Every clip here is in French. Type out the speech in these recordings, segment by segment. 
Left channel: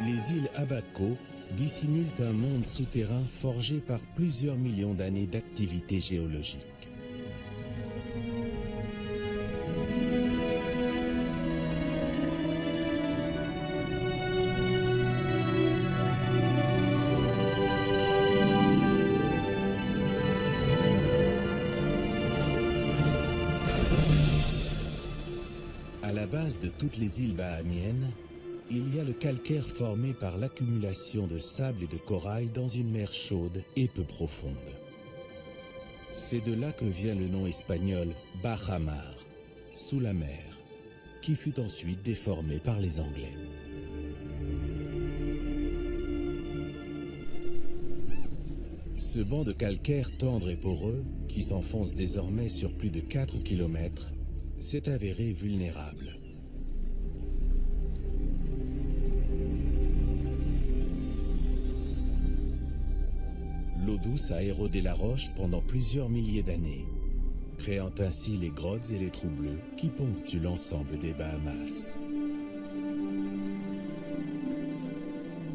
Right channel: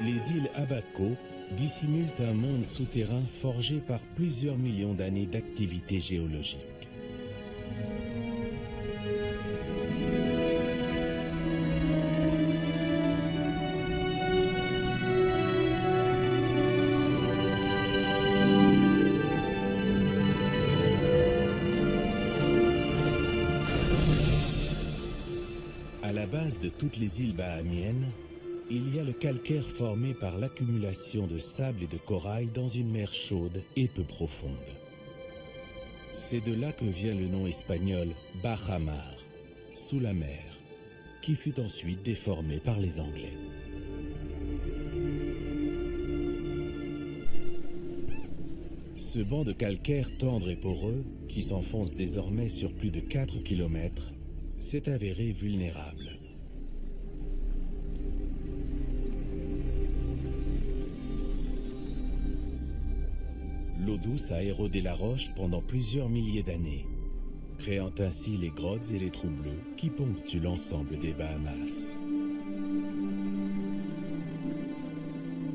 Les îles Abaco dissimulent un monde souterrain forgé par plusieurs millions d'années d'activité géologique. À la base de toutes les îles bahamiennes, il y a le calcaire formé par l'accumulation de sable et de corail dans une mer chaude et peu profonde. C'est de là que vient le nom espagnol Bajamar, sous la mer, qui fut ensuite déformé par les Anglais. Ce banc de calcaire tendre et poreux, qui s'enfonce désormais sur plus de 4 km, s'est avéré vulnérable. L'eau douce a érodé la roche pendant plusieurs milliers d'années, créant ainsi les grottes et les trous bleus qui ponctuent l'ensemble des Bahamas.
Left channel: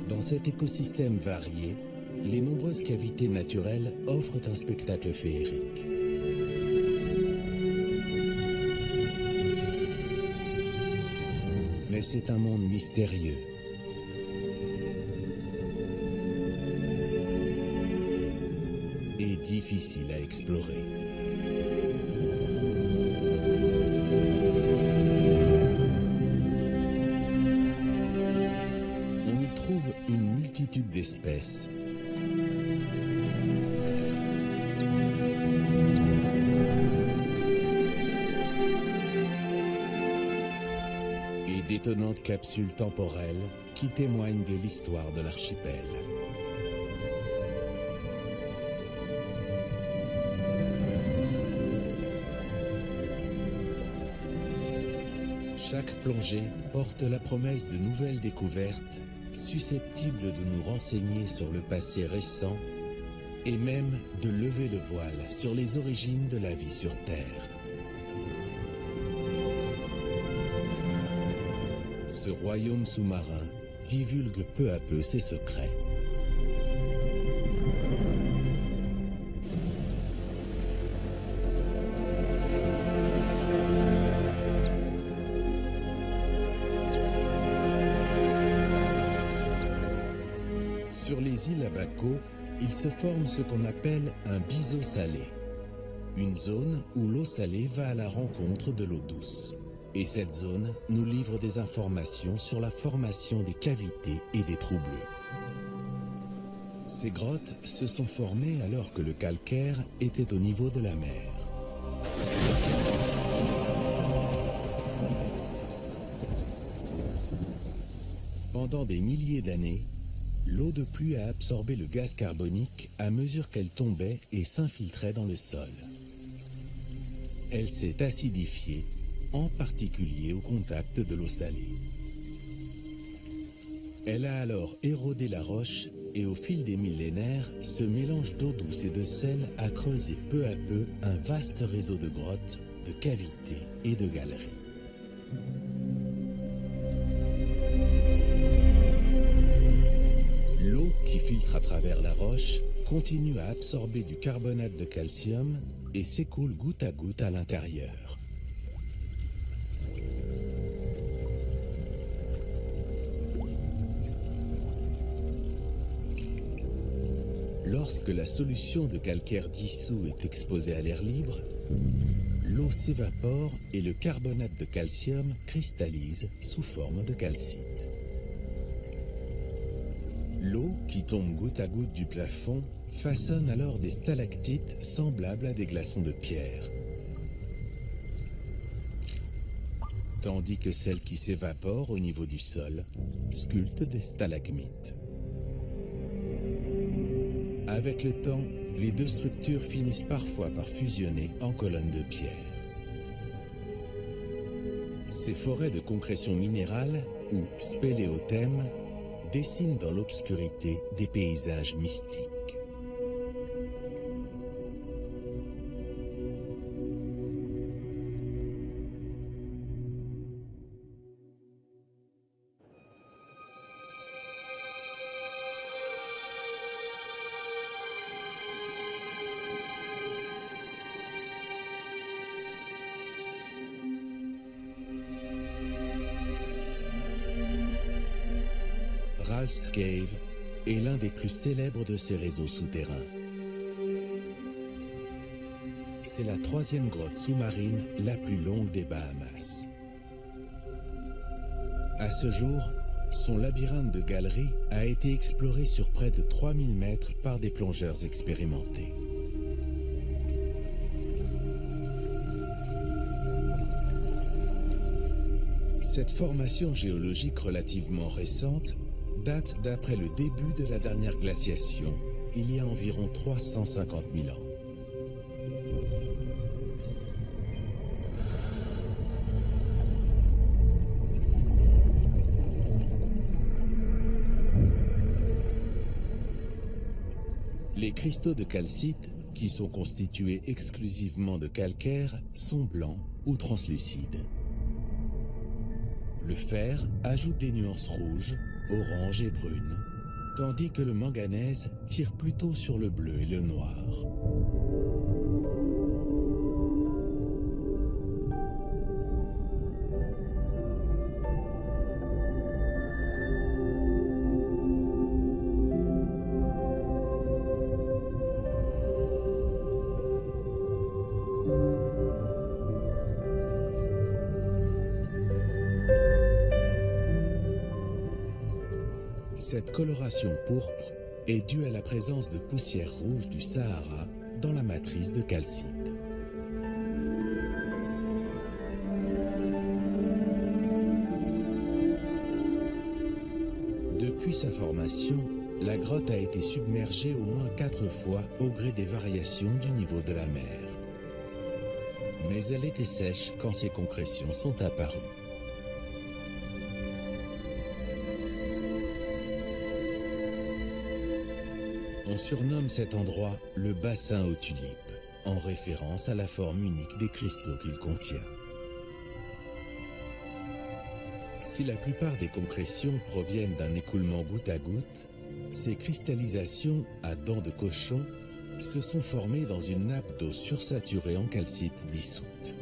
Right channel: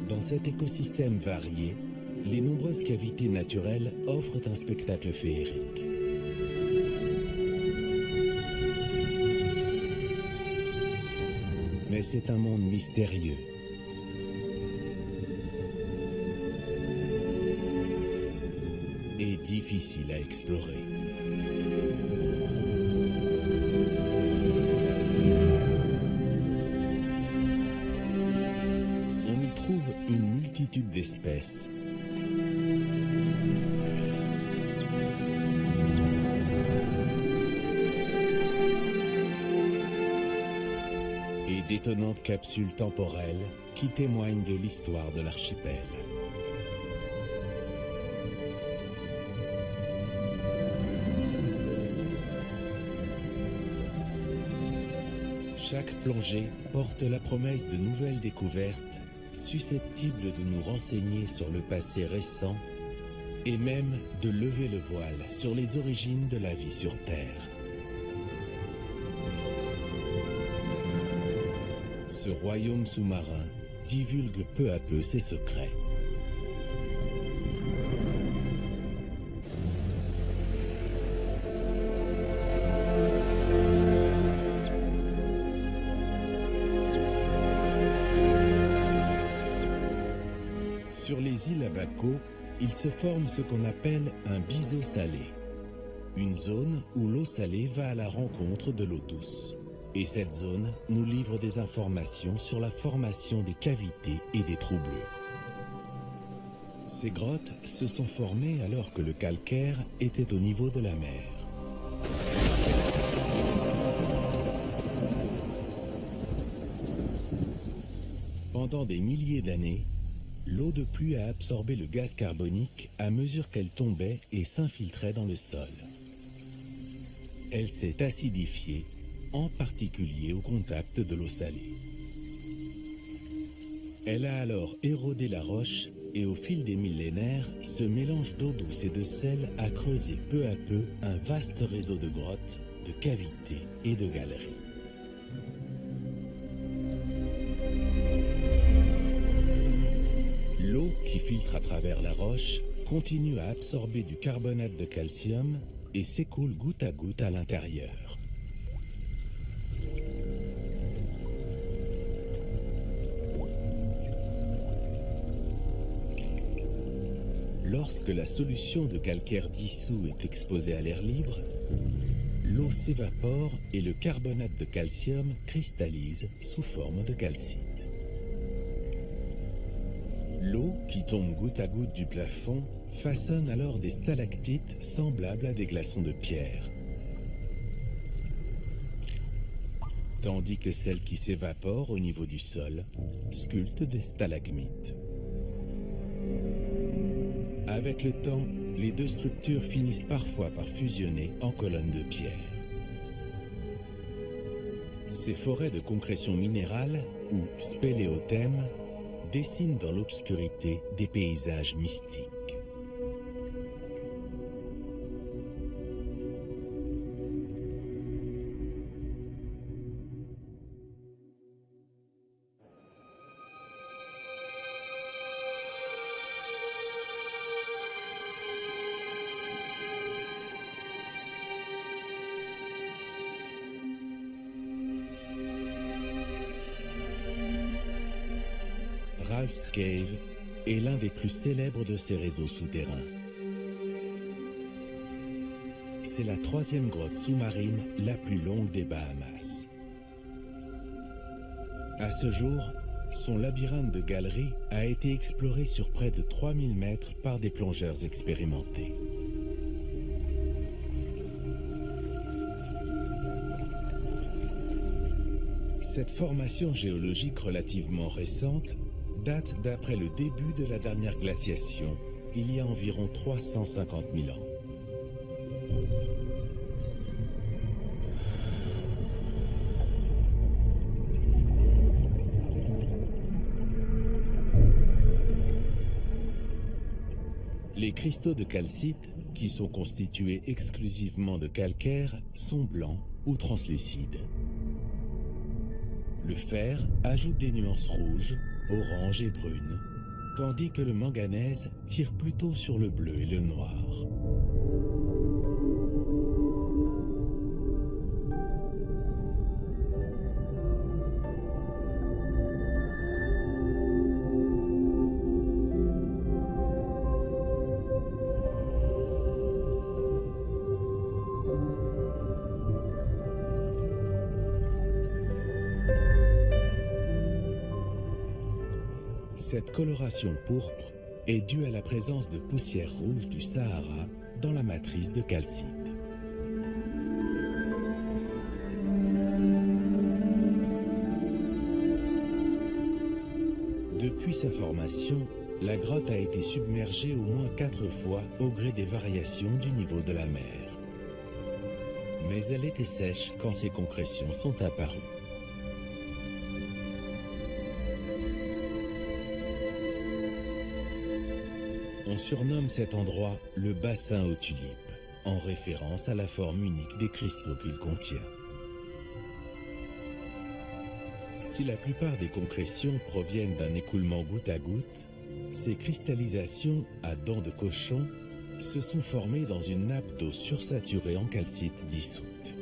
Dans cet écosystème varié, les nombreuses cavités naturelles offrent un spectacle féerique. Mais c'est un monde mystérieux. Et difficile à explorer. On y trouve une multitude d'espèces. Et d'étonnantes capsules temporelles qui témoignent de l'histoire de l'archipel. Chaque plongée porte la promesse de nouvelles découvertes susceptibles de nous renseigner sur le passé récent et même de lever le voile sur les origines de la vie sur Terre. Ce royaume sous-marin divulgue peu à peu ses secrets. Sur les îles Abaco, il se forme ce qu'on appelle un biseau salé, une zone où l'eau salée va à la rencontre de l'eau douce. Et cette zone nous livre des informations sur la formation des cavités et des trous bleus. Ces grottes se sont formées alors que le calcaire était au niveau de la mer. Pendant des milliers d'années, l'eau de pluie a absorbé le gaz carbonique à mesure qu'elle tombait et s'infiltrait dans le sol. Elle s'est acidifiée, en particulier au contact de l'eau salée. Elle a alors érodé la roche et au fil des millénaires, ce mélange d'eau douce et de sel a creusé peu à peu un vaste réseau de grottes, de cavités et de galeries. L'eau qui filtre à travers la roche continue à absorber du carbonate de calcium et s'écoule goutte à goutte à l'intérieur. Lorsque la solution de calcaire dissous est exposée à l'air libre, l'eau s'évapore et le carbonate de calcium cristallise sous forme de calcite. L'eau qui tombe goutte à goutte du plafond façonne alors des stalactites semblables à des glaçons de pierre, tandis que celle qui s'évapore au niveau du sol sculpte des stalagmites. Avec le temps, les deux structures finissent parfois par fusionner en colonnes de pierre. Ces forêts de concrétion minérale, ou spéléothèmes, dessinent dans l'obscurité des paysages mystiques. Ralph's Cave est l'un des plus célèbres de ces réseaux souterrains. C'est la 3e grotte sous-marine la plus longue des Bahamas. À ce jour, son labyrinthe de galeries a été exploré sur près de 3000 mètres par des plongeurs expérimentés. Cette formation géologique relativement récente date d'après le début de la dernière glaciation, il y a environ 350 000 ans. Les cristaux de calcite, qui sont constitués exclusivement de calcaire, sont blancs ou translucides. Le fer ajoute des nuances rouges, oranges et brunes, tandis que le manganèse tire plutôt sur le bleu et le noir. Cette coloration pourpre est due à la présence de poussière rouge du Sahara dans la matrice de calcite. Depuis sa formation, la grotte a été submergée au moins 4 fois au gré des variations du niveau de la mer. Mais elle était sèche quand ces concrétions sont apparues. On surnomme cet endroit le bassin aux tulipes, en référence à la forme unique des cristaux qu'il contient. Si la plupart des concrétions proviennent d'un écoulement goutte à goutte, ces cristallisations à dents de cochon se sont formées dans une nappe d'eau sursaturée en calcite dissoute.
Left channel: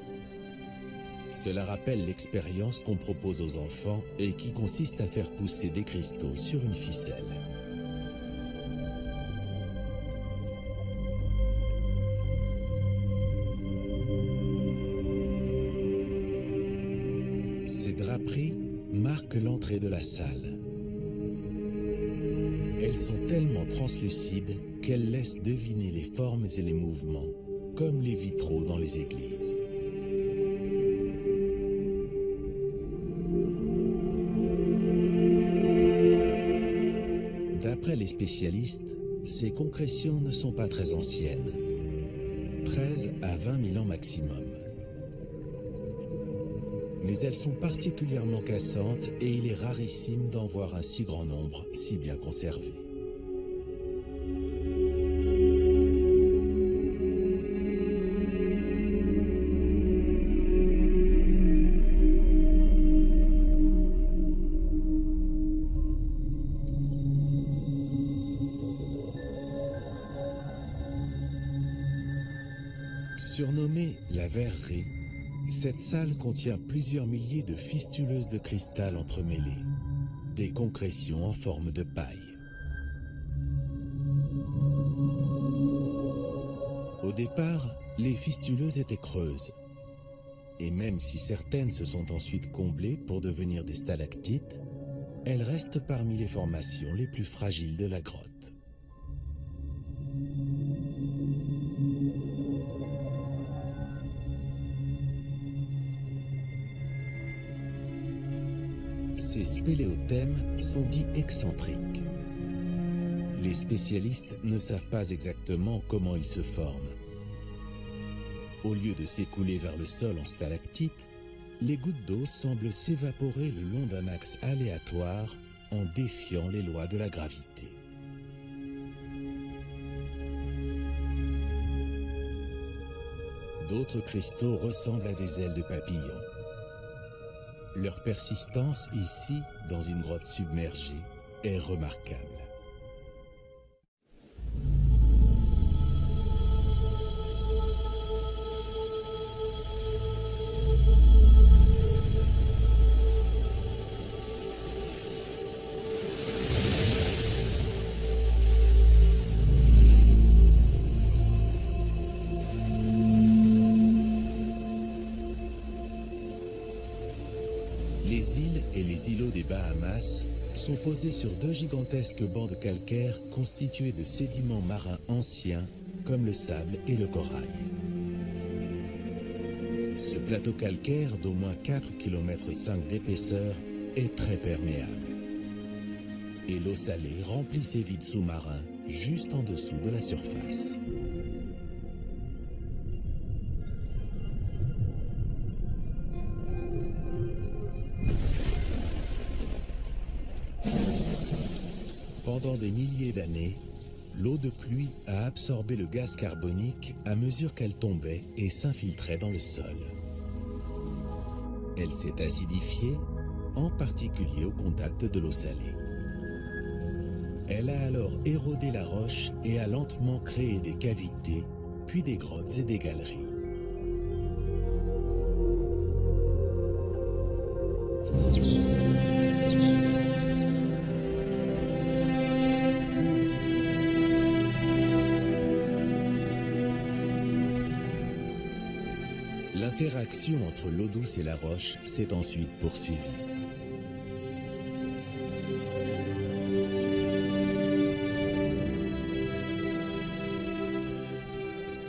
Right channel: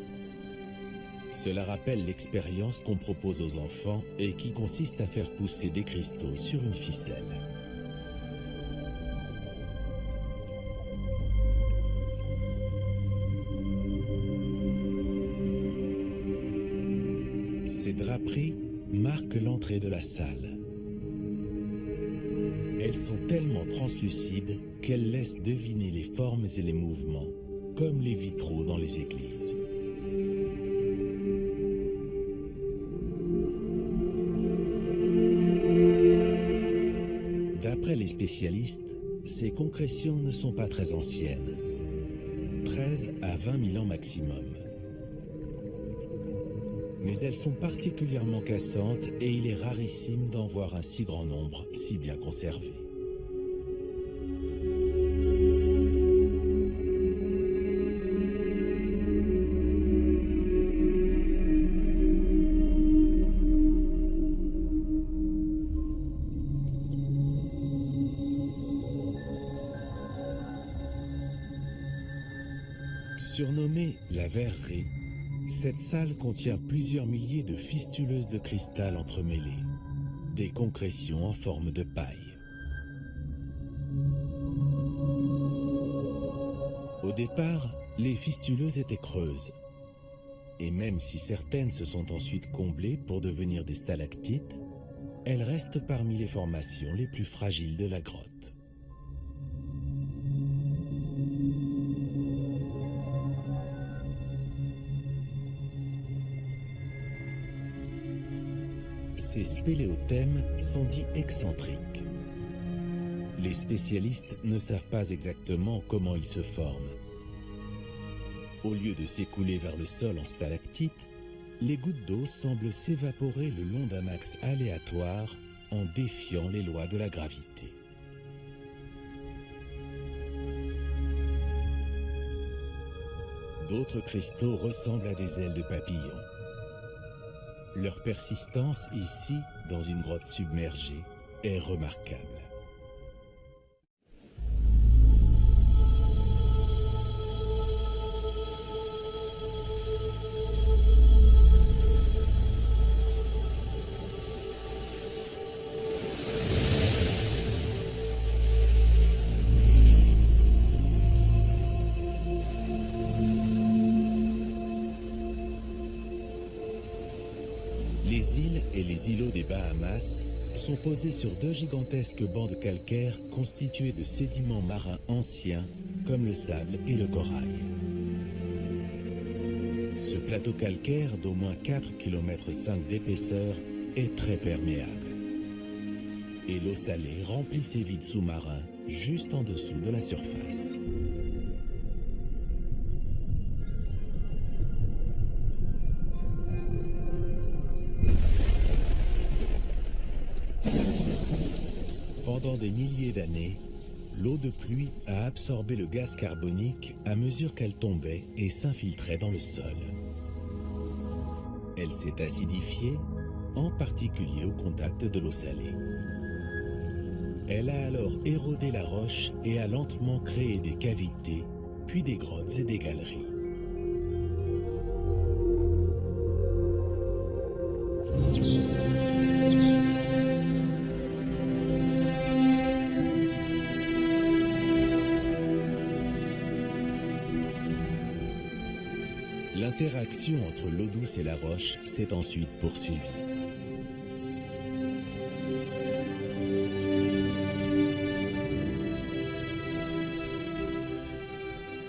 Cela rappelle l'expérience qu'on propose aux enfants et qui consiste à faire pousser des cristaux sur une ficelle. Ces draperies marquent l'entrée de la salle. Elles sont tellement translucides qu'elles laissent deviner les formes et les mouvements, comme les vitraux dans les églises. D'après les spécialistes, ces concrétions ne sont pas très anciennes, 13 à 20 000 ans maximum. Mais elles sont particulièrement cassantes et il est rarissime d'en voir un si grand nombre si bien conservé. Surnommée la verrerie, cette salle contient plusieurs milliers de fistuleuses de cristal entremêlées, des concrétions en forme de paille. Au départ, les fistuleuses étaient creuses, et même si certaines se sont ensuite comblées pour devenir des stalactites, elles restent parmi les formations les plus fragiles de la grotte. Ces spéléothèmes sont dits excentriques. Les spécialistes ne savent pas exactement comment ils se forment. Au lieu de s'écouler vers le sol en stalactites, les gouttes d'eau semblent s'évaporer le long d'un axe aléatoire en défiant les lois de la gravité. D'autres cristaux ressemblent à des ailes de papillon. Leur persistance ici, dans une grotte submergée, est remarquable. Les îles et les îlots des Bahamas sont posés sur deux gigantesques bancs de calcaire constitués de sédiments marins anciens comme le sable et le corail. Ce plateau calcaire d'au moins 4,5 km d'épaisseur est très perméable. Et l'eau salée remplit ces vides sous-marins juste en dessous de la surface. Pendant des milliers d'années, l'eau de pluie a absorbé le gaz carbonique à mesure qu'elle tombait et s'infiltrait dans le sol. Elle s'est acidifiée, en particulier au contact de l'eau salée. Elle a alors érodé la roche et a lentement créé des cavités, puis des grottes et des galeries. L'interaction entre l'eau douce et la roche s'est ensuite poursuivie.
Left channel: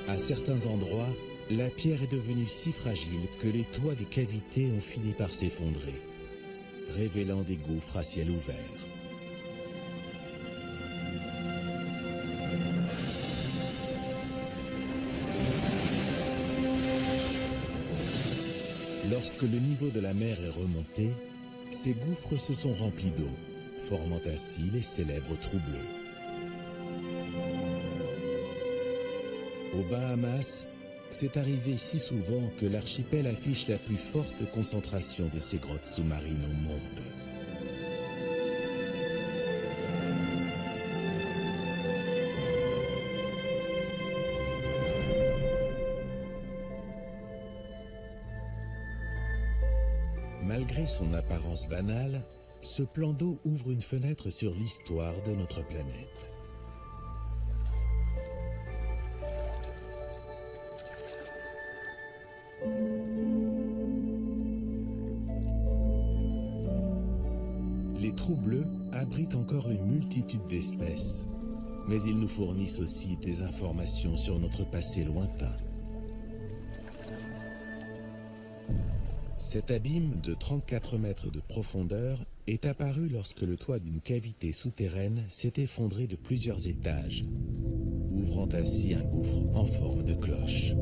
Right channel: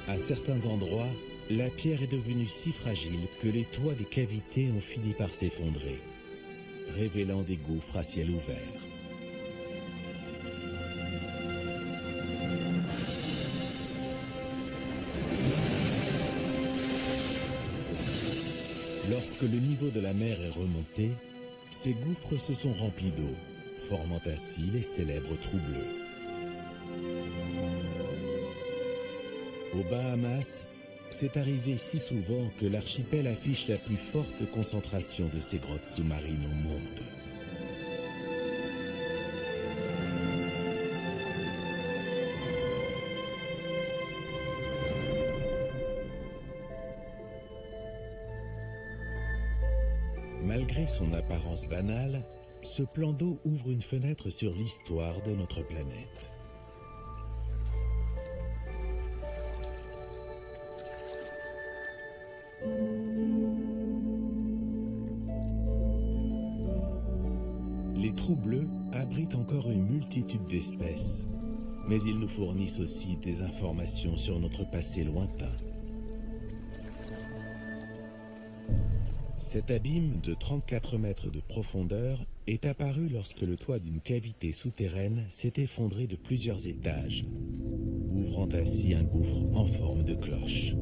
À certains endroits, la pierre est devenue si fragile que les toits des cavités ont fini par s'effondrer, révélant des gouffres à ciel ouvert. Lorsque le niveau de la mer est remonté, ces gouffres se sont remplis d'eau, formant ainsi les célèbres trous bleus. Aux Bahamas, c'est arrivé si souvent que l'archipel affiche la plus forte concentration de ces grottes sous-marines au monde. Malgré son apparence banale, ce plan d'eau ouvre une fenêtre sur l'histoire de notre planète. Les trous bleus abritent encore une multitude d'espèces, mais ils nous fournissent aussi des informations sur notre passé lointain. Cet abîme de 34 mètres de profondeur est apparu lorsque le toit d'une cavité souterraine s'est effondré de plusieurs étages, ouvrant ainsi un gouffre en forme de cloche.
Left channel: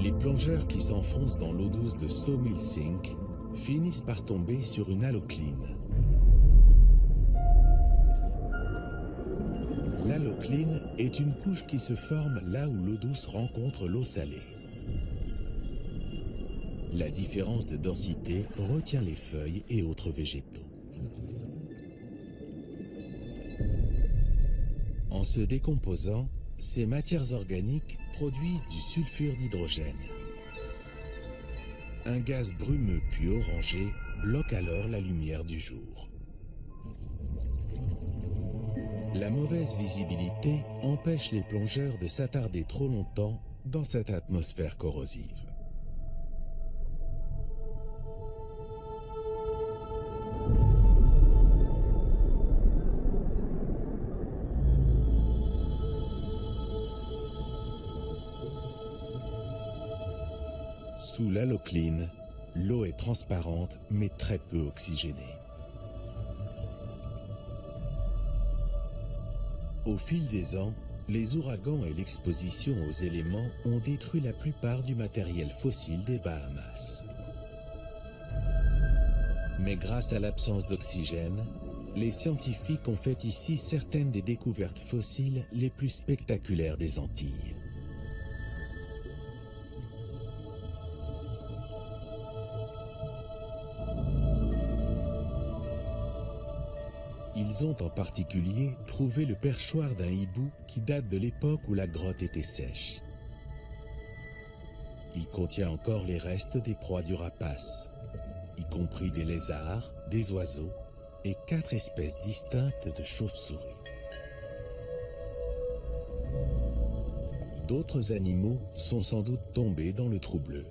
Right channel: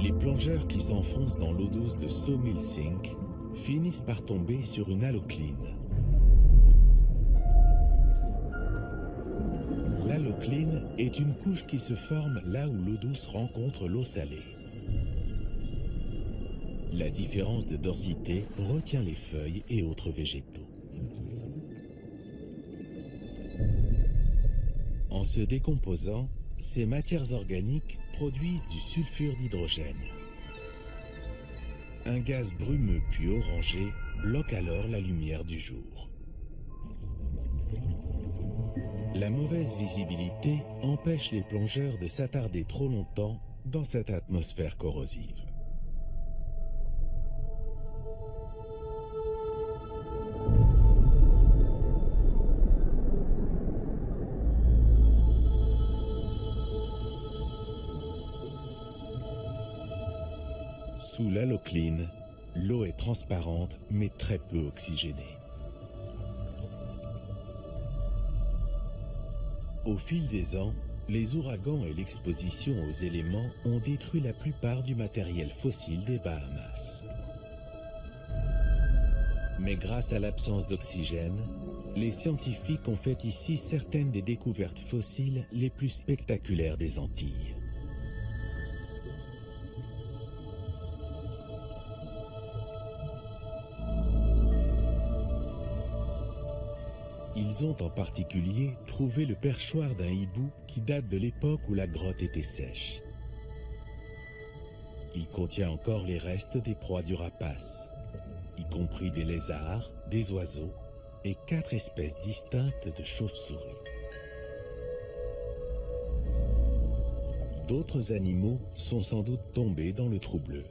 Les plongeurs qui s'enfoncent dans l'eau douce de Sawmill Sink finissent par tomber sur une halocline. L'halocline est une couche qui se forme là où l'eau douce rencontre l'eau salée. La différence de densité retient les feuilles et autres végétaux. En se décomposant, ces matières organiques produisent du sulfure d'hydrogène. Un gaz brumeux puis orangé bloque alors la lumière du jour. La mauvaise visibilité empêche les plongeurs de s'attarder trop longtemps dans cette atmosphère corrosive. Sous l'halocline, l'eau est transparente mais très peu oxygénée. Au fil des ans, les ouragans et l'exposition aux éléments ont détruit la plupart du matériel fossile des Bahamas. Mais grâce à l'absence d'oxygène, les scientifiques ont fait ici certaines des découvertes fossiles les plus spectaculaires des Antilles. Ils ont en particulier trouvé le perchoir d'un hibou qui date de l'époque où la grotte était sèche. Il contient encore les restes des proies du rapace, y compris des lézards, des oiseaux et 4 espèces distinctes de chauves-souris. D'autres animaux sont sans doute tombés dans le trou bleu.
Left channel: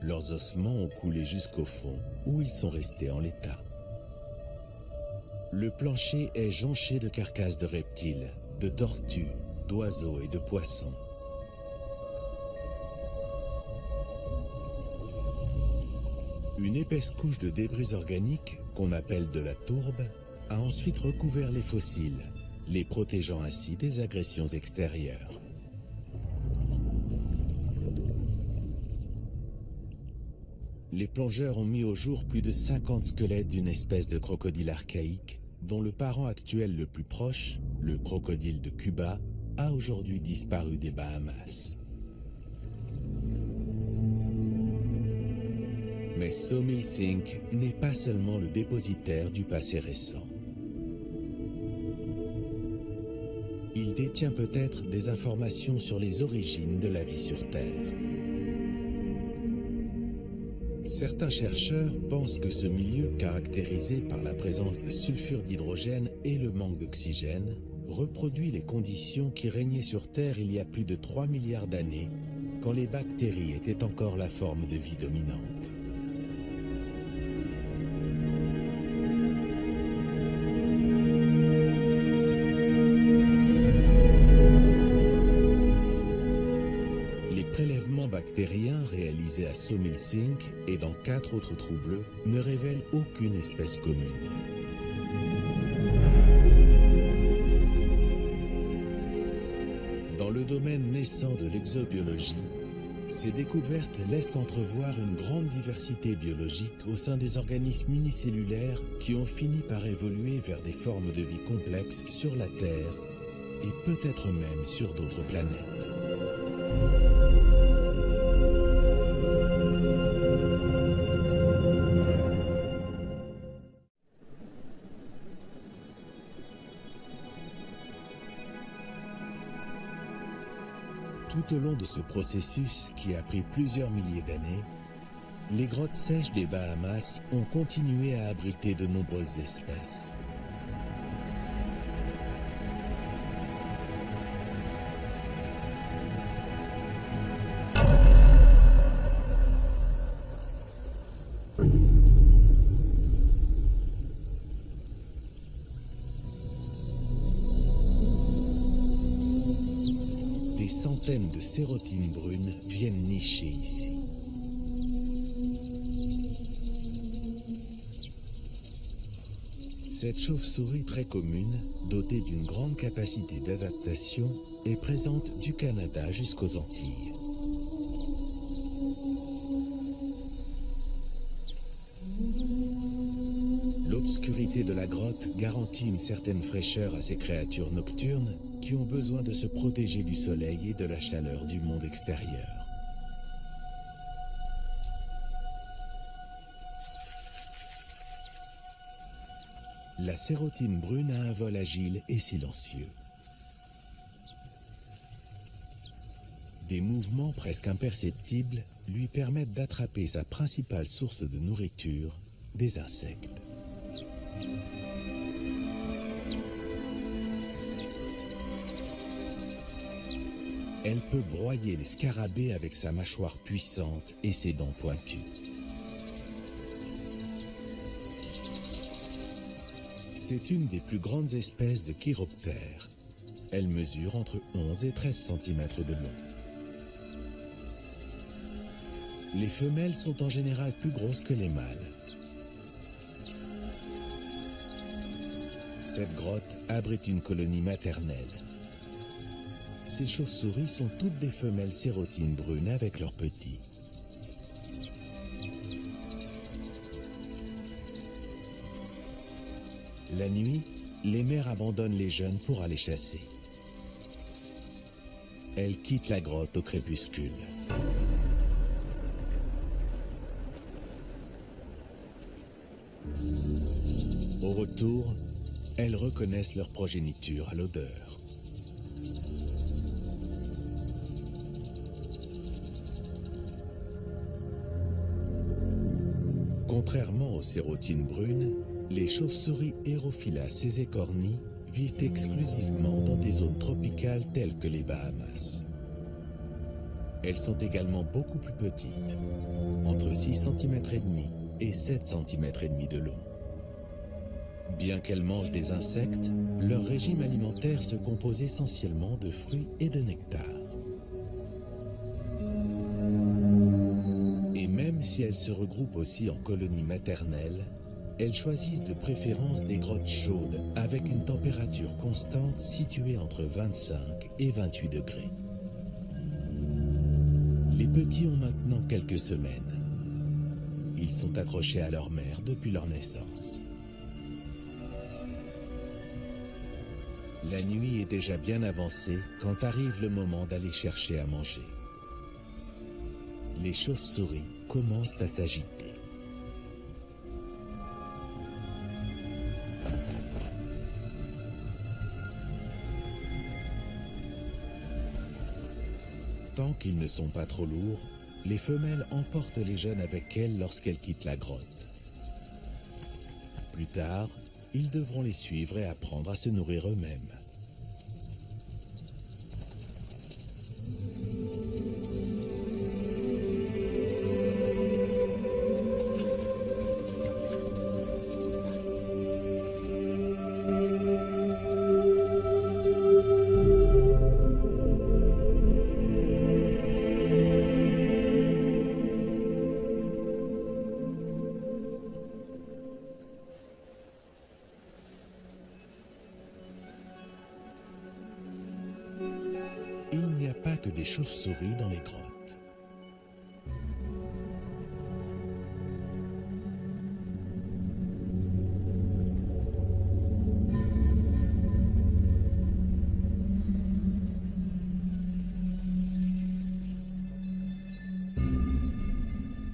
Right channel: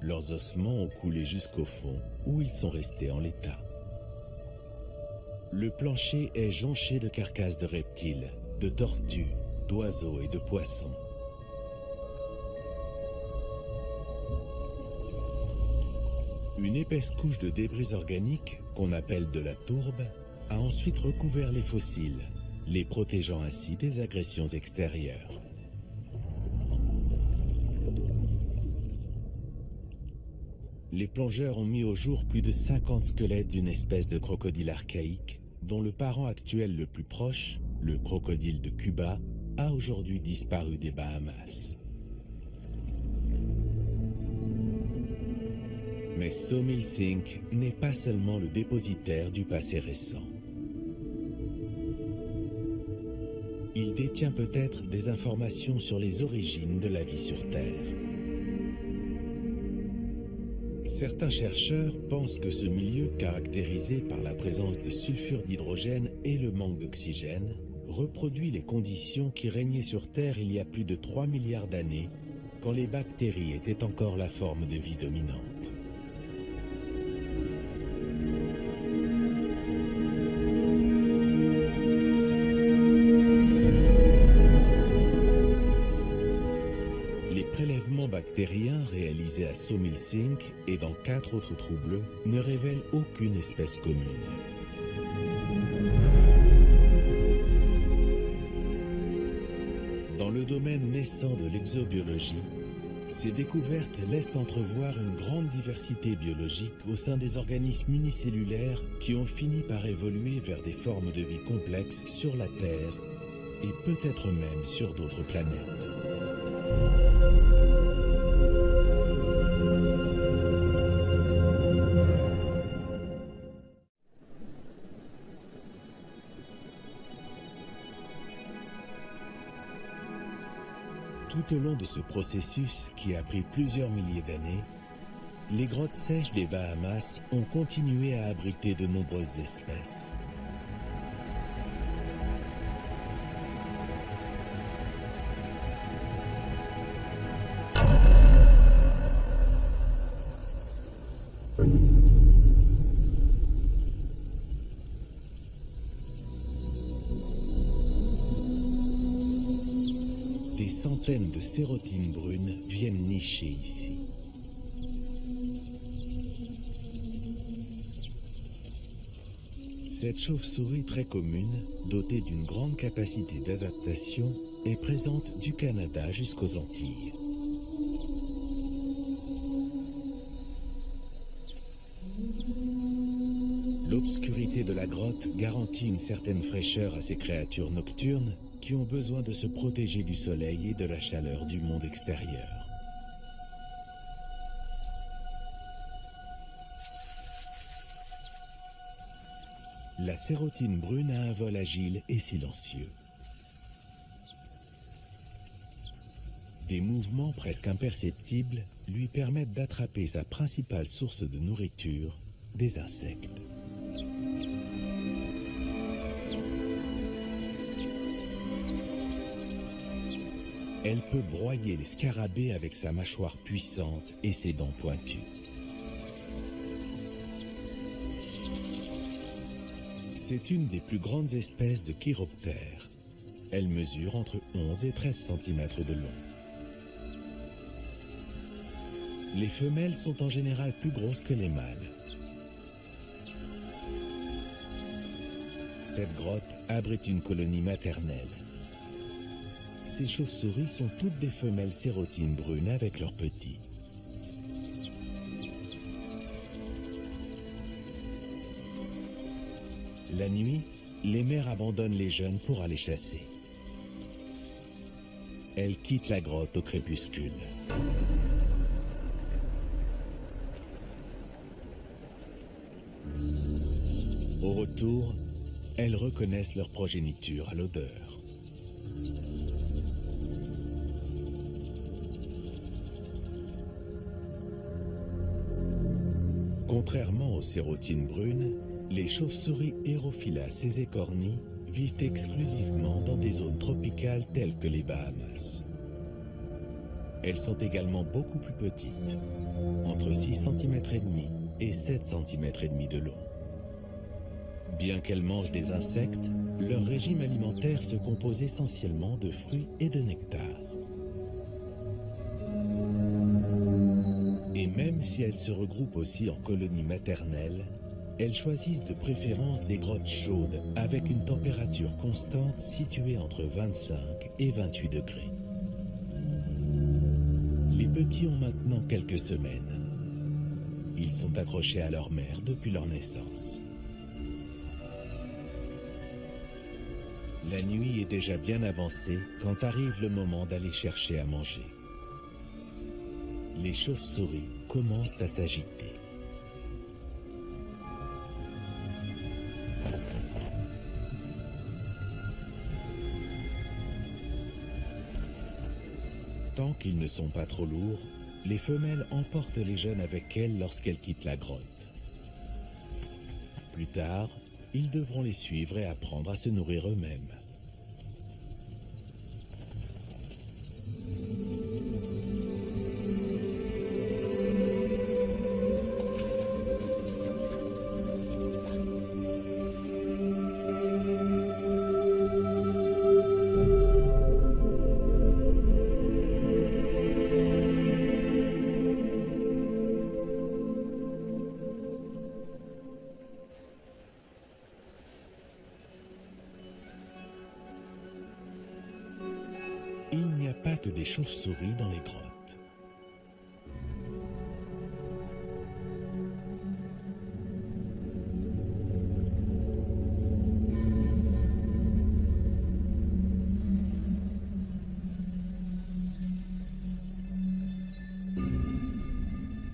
Leurs ossements ont coulé jusqu'au fond, où ils sont restés en l'état. Le plancher est jonché de carcasses de reptiles, de tortues, d'oiseaux et de poissons. Une épaisse couche de débris organiques, qu'on appelle de la tourbe, a ensuite recouvert les fossiles, les protégeant ainsi des agressions extérieures. Les plongeurs ont mis au jour plus de 50 squelettes d'une espèce de crocodile archaïque, dont le parent actuel le plus proche, le crocodile de Cuba, a aujourd'hui disparu des Bahamas. Mais Sawmill Sink n'est pas seulement le dépositaire du passé récent. Il détient peut-être des informations sur les origines de la vie sur Terre. Certains chercheurs pensent que ce milieu, caractérisé par la présence de sulfure d'hydrogène et le manque d'oxygène, reproduit les conditions qui régnaient sur Terre il y a plus de 3 milliards d'années, quand les bactéries étaient encore la forme de vie dominante. Les prélèvements bactériens réalisés à Sawmill Sink et dans 4 autres trous bleus ne révèlent aucune espèce commune. Dans le domaine naissant de l'exobiologie, ces découvertes laissent entrevoir une grande diversité biologique au sein des organismes unicellulaires qui ont fini par évoluer vers des formes de vie complexes sur la Terre et peut-être même sur d'autres planètes. Tout au long de ce processus qui a pris plusieurs milliers d'années, les grottes sèches des Bahamas ont continué à abriter de nombreuses espèces. Des centaines de sérotines brunes viennent nicher ici. Cette chauve-souris très commune, dotée d'une grande capacité d'adaptation, est présente du Canada jusqu'aux Antilles. L'obscurité de la grotte garantit une certaine fraîcheur à ces créatures nocturnes qui ont besoin de se protéger du soleil et de la chaleur du monde extérieur. La sérotine brune a un vol agile et silencieux. Des mouvements presque imperceptibles lui permettent d'attraper sa principale source de nourriture, des insectes. Elle peut broyer les scarabées avec sa mâchoire puissante et ses dents pointues. C'est une des plus grandes espèces de chiroptères. Elle mesure entre 11 et 13 cm de long. Les femelles sont en général plus grosses que les mâles. Cette grotte abrite une colonie maternelle. Ces chauves-souris sont toutes des femelles sérotines brunes avec leurs petits. La nuit, les mères abandonnent les jeunes pour aller chasser. Elles quittent la grotte au crépuscule. Au retour, elles reconnaissent leur progéniture à l'odeur. Contrairement aux sérotines brunes, les chauves-souris Hérophilas écornis vivent exclusivement dans des zones tropicales telles que les Bahamas. Elles sont également beaucoup plus petites, entre 6,5 cm et 7,5 cm de long. Bien qu'elles mangent des insectes, leur régime alimentaire se compose essentiellement de fruits et de nectar. Et même si elles se regroupent aussi en colonies maternelles, elles choisissent de préférence des grottes chaudes avec une température constante située entre 25 et 28 degrés. Les petits ont maintenant quelques semaines. Ils sont accrochés à leur mère depuis leur naissance. La nuit est déjà bien avancée quand arrive le moment d'aller chercher à manger. Les chauves-souris commencent à s'agiter. Tant qu'ils ne sont pas trop lourds, les femelles emportent les jeunes avec elles lorsqu'elles quittent la grotte. Plus tard, ils devront les suivre et apprendre à se nourrir eux-mêmes. Il n'y a pas que des chauves-souris dans les grottes.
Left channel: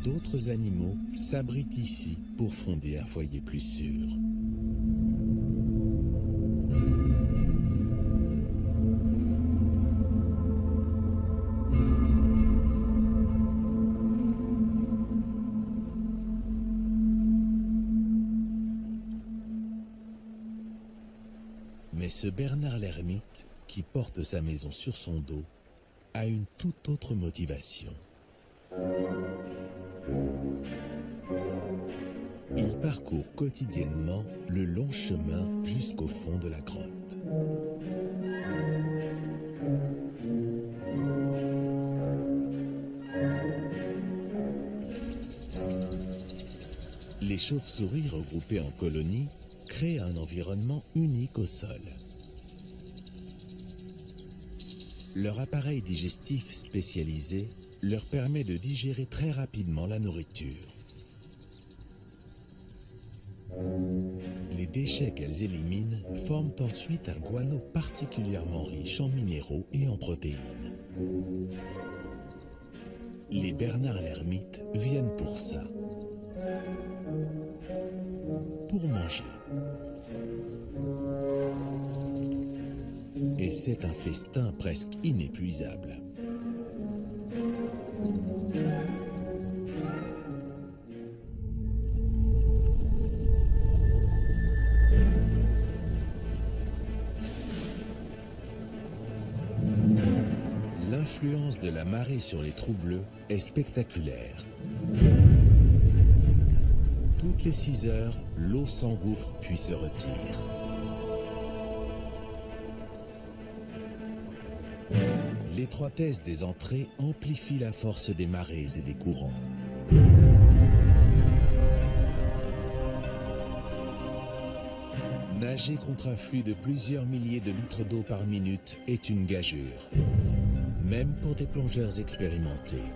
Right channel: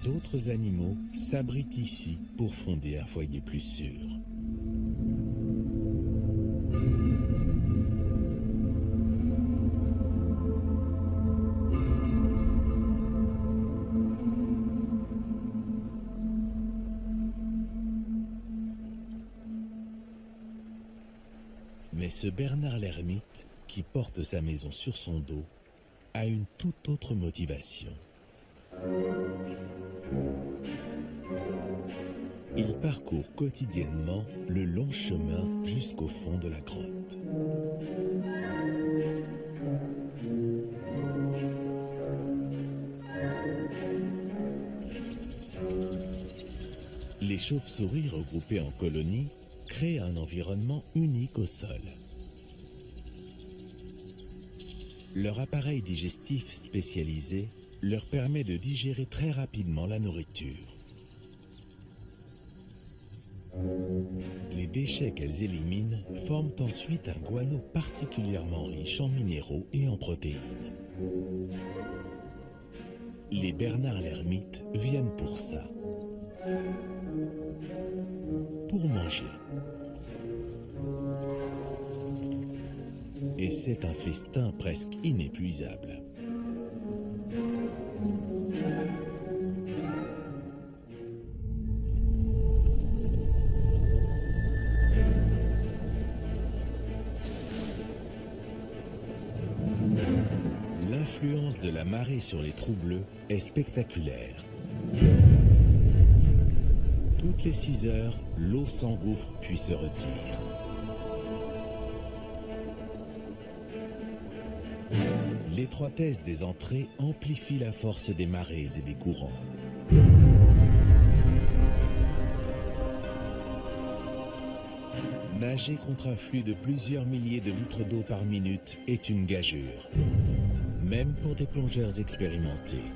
D'autres animaux s'abritent ici pour fonder un foyer plus sûr. Mais ce Bernard l'ermite, qui porte sa maison sur son dos, a une toute autre motivation. Il parcourt quotidiennement le long chemin jusqu'au fond de la grotte. Les chauves-souris regroupées en colonies créent un environnement unique au sol. Leur appareil digestif spécialisé leur permet de digérer très rapidement la nourriture. Les déchets qu'elles éliminent forment ensuite un guano particulièrement riche en minéraux et en protéines. Les Bernard l'ermite viennent pour ça. Pour manger. Et c'est un festin presque inépuisable. L'influence de la marée sur les trous bleus est spectaculaire. Toutes les 6 heures, l'eau s'engouffre puis se retire. L'étroitesse des entrées amplifie la force des marées et des courants. Nager contre un flux de plusieurs milliers de litres d'eau par minute est une gageure, même pour des plongeurs expérimentés.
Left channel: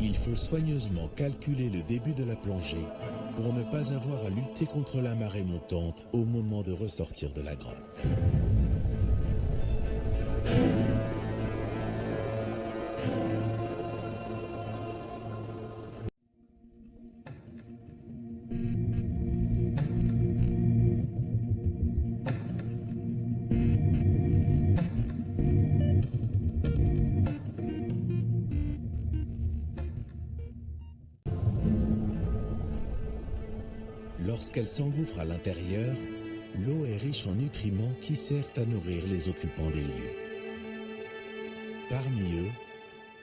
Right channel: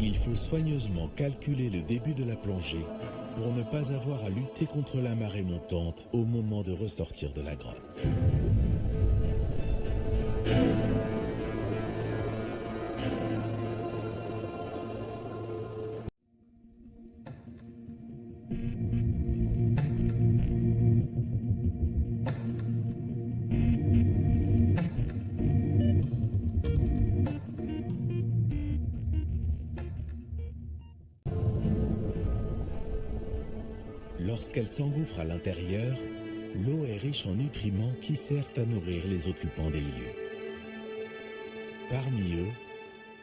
Il faut soigneusement calculer le début de la plongée pour ne pas avoir à lutter contre la marée montante au moment de ressortir de la grotte. Lorsqu'elle s'engouffre à l'intérieur, l'eau est riche en nutriments qui servent à nourrir les occupants des lieux. Parmi eux,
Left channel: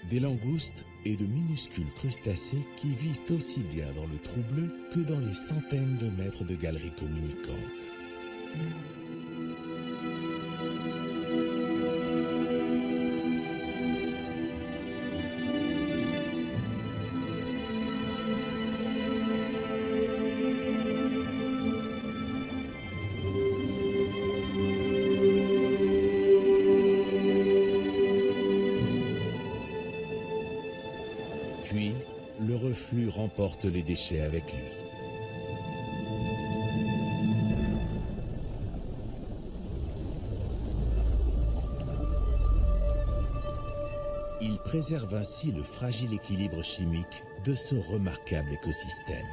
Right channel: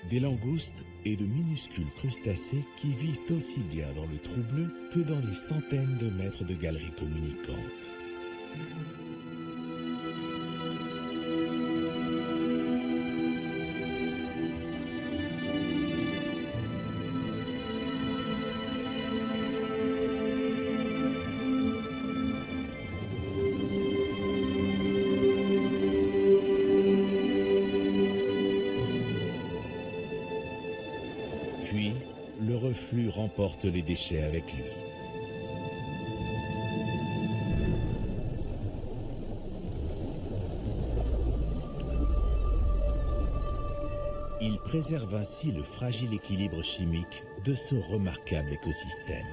des langoustes et de minuscules crustacés qui vivent aussi bien dans le trou bleu que dans les centaines de mètres de galeries communicantes. Puis, le reflux remporte les déchets avec lui. Il préserve ainsi le fragile équilibre chimique de ce remarquable écosystème.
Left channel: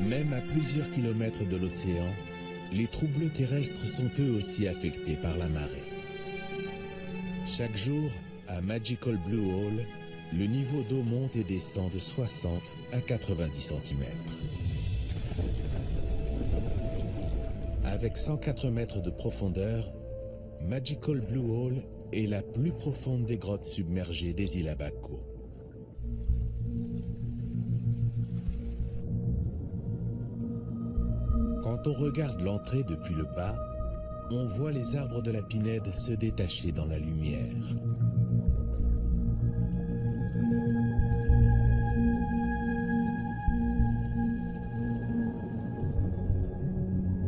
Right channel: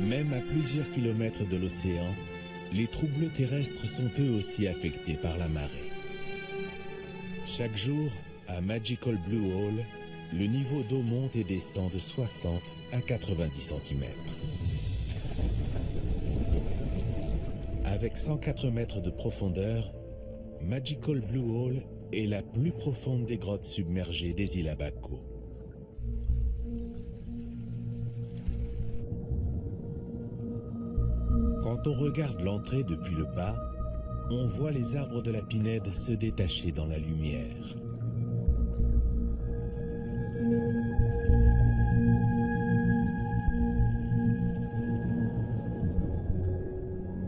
Même à plusieurs kilomètres de l'océan, les trous bleus terrestres sont eux aussi affectés par la marée. Chaque jour, à Magical Blue Hole, le niveau d'eau monte et descend de 60 à 90 cm. Avec 104 mètres de profondeur, Magical Blue Hole est la plus profonde des grottes submergées des îles Abaco. Quand on regarde l'entrée depuis le bas, on voit les arbres de la Pinède se détacher dans la lumière.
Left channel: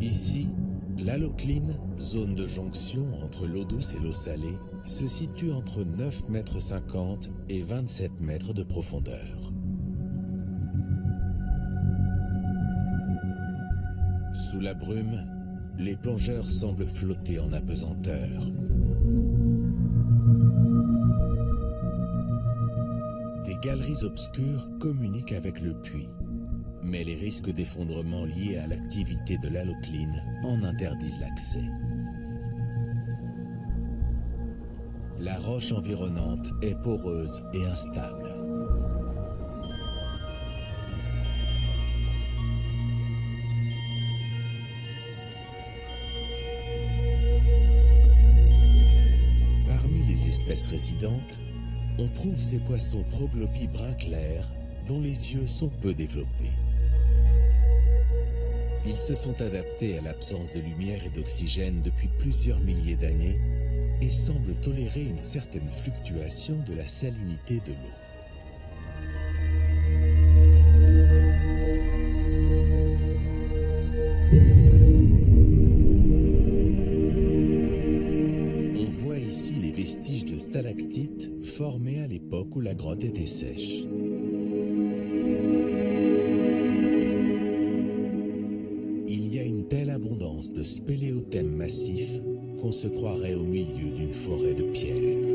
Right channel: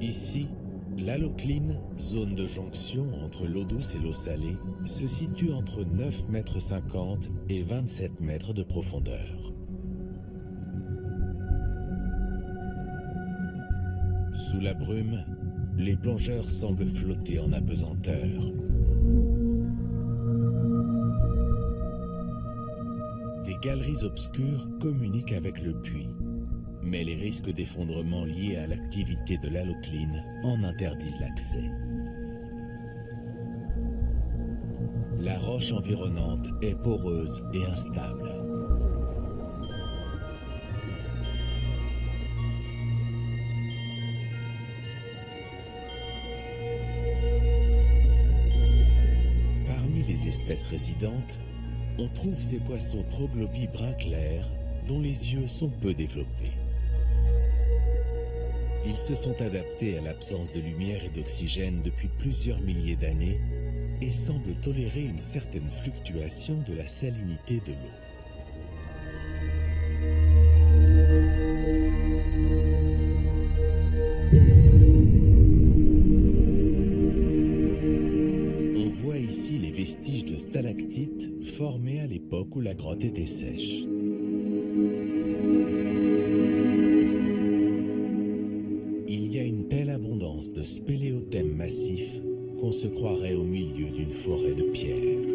Ici, l'halocline, zone de jonction entre l'eau douce et l'eau salée, se situe entre 9,50 m et 27 mètres de profondeur. Sous la brume, les plongeurs semblent flotter en apesanteur. Des galeries obscures communiquent avec le puits, mais les risques d'effondrement liés à l'activité de l'halocline en interdisent l'accès. La roche environnante est poreuse et instable. Parmi les espèces résidentes, on trouve ces poissons troglobies brun clair dont les yeux sont peu développés. Ils se sont adaptés à l'absence de lumière et d'oxygène depuis plusieurs milliers d'années et semblent tolérer une certaine fluctuation de la salinité de l'eau. On voit ici les vestiges de stalactites formés à l'époque où la grotte était sèche. Il y a une telle abondance de spéléothèmes massifs qu'on se croirait au milieu d'une forêt de pierres.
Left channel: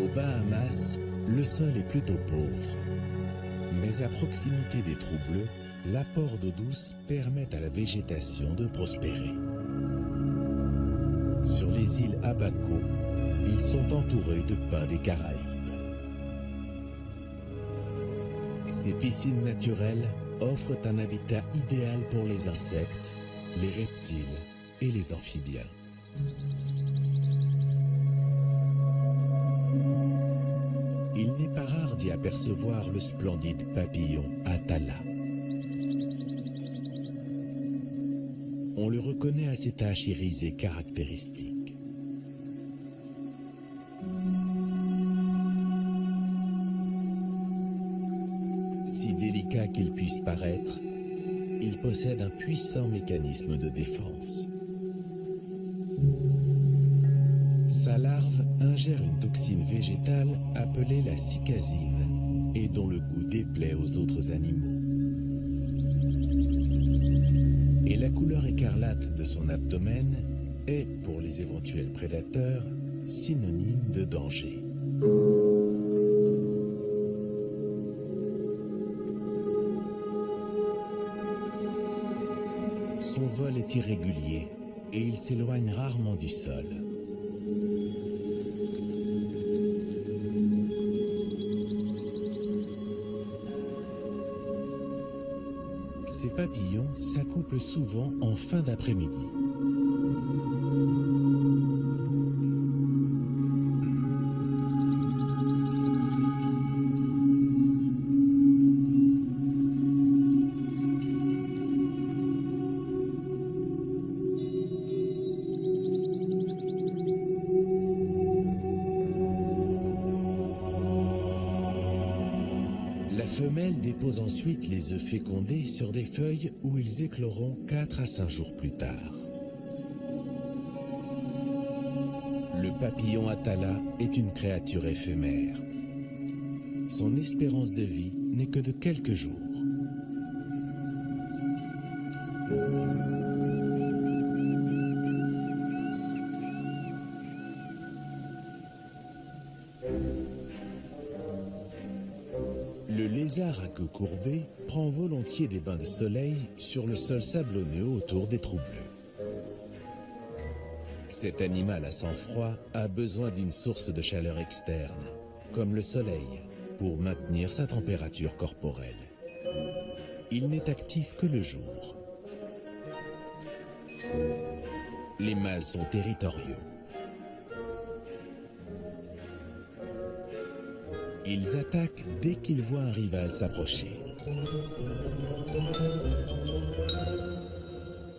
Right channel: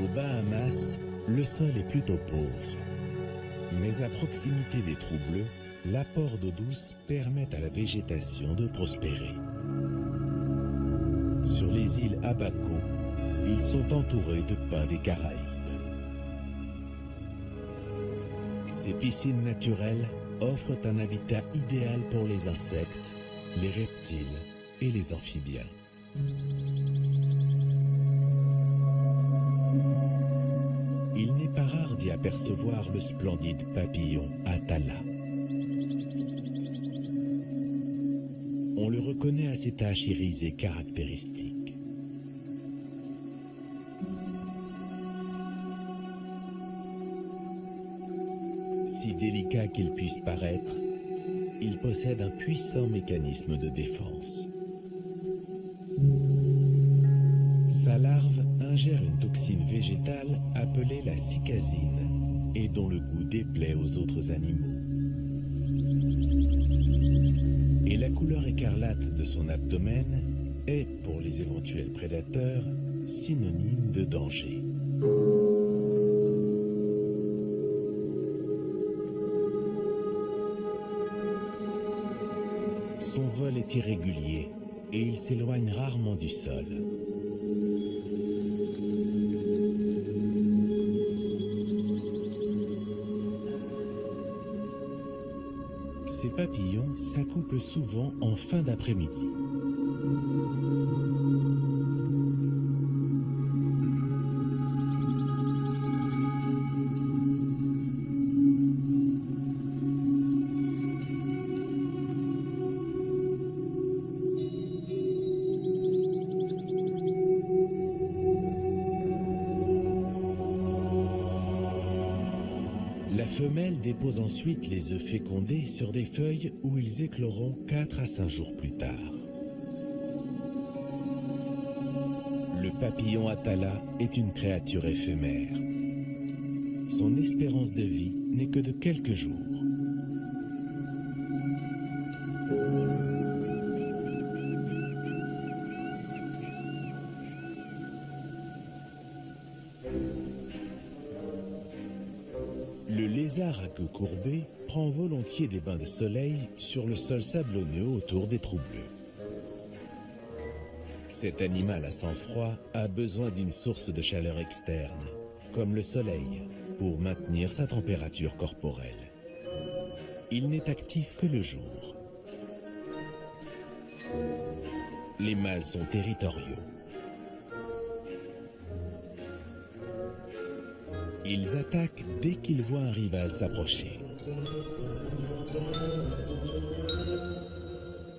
Aux Bahamas, le sol est plutôt pauvre. Mais à proximité des trous bleus, l'apport d'eau douce permet à la végétation de prospérer. Sur les îles Abaco, ils sont entourés de pins des Caraïbes. Ces piscines naturelles offrent un habitat idéal pour les insectes, les reptiles et les amphibiens. Il n'est pas rare d'y apercevoir le splendide papillon Atala. On le reconnaît à ses taches irisées caractéristiques. Si délicat qu'il puisse paraître, il possède un puissant mécanisme de défense. Sa larve ingère une toxine végétale appelée la cicasine et dont le goût déplaît aux autres animaux. Et la couleur écarlate de son abdomen est, pour les éventuels prédateurs, synonyme de danger. Son vol est irrégulier et il s'éloigne rarement du sol. Ces papillons s'accouplent souvent en fin d'après-midi. La femelle dépose ensuite les œufs fécondés sur des feuilles où ils écloront 4 à 5 jours plus tard. Le papillon Atala est une créature éphémère. Son espérance de vie n'est que de quelques jours. Le lézard à queue courbée prend volontiers des bains de soleil sur le sol sablonneux autour des trous bleus. Cet animal à sang froid a besoin d'une source de chaleur externe, comme le soleil, pour maintenir sa température corporelle. Il n'est actif que le jour. Les mâles sont territoriaux. Ils attaquent dès qu'ils voient un rival s'approcher.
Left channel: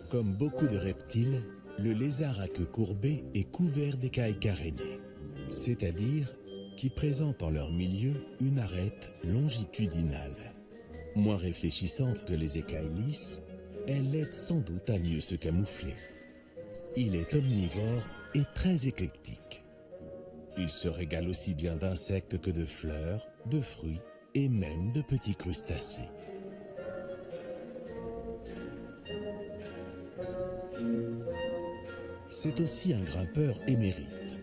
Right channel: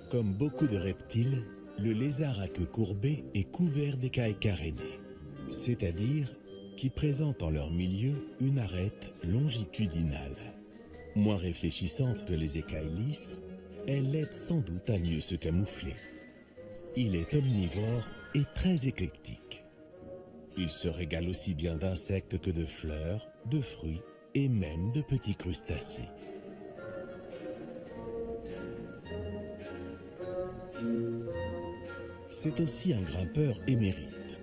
Comme beaucoup de reptiles, le lézard à queue courbée est couvert d'écailles carénées, c'est-à-dire qui présentent en leur milieu une arête longitudinale. Moins réfléchissante que les écailles lisses, elle l'aide sans doute à mieux se camoufler. Il est omnivore et très éclectique. Il se régale aussi bien d'insectes que de fleurs, de fruits et même de petits crustacés. C'est aussi un grimpeur émérite.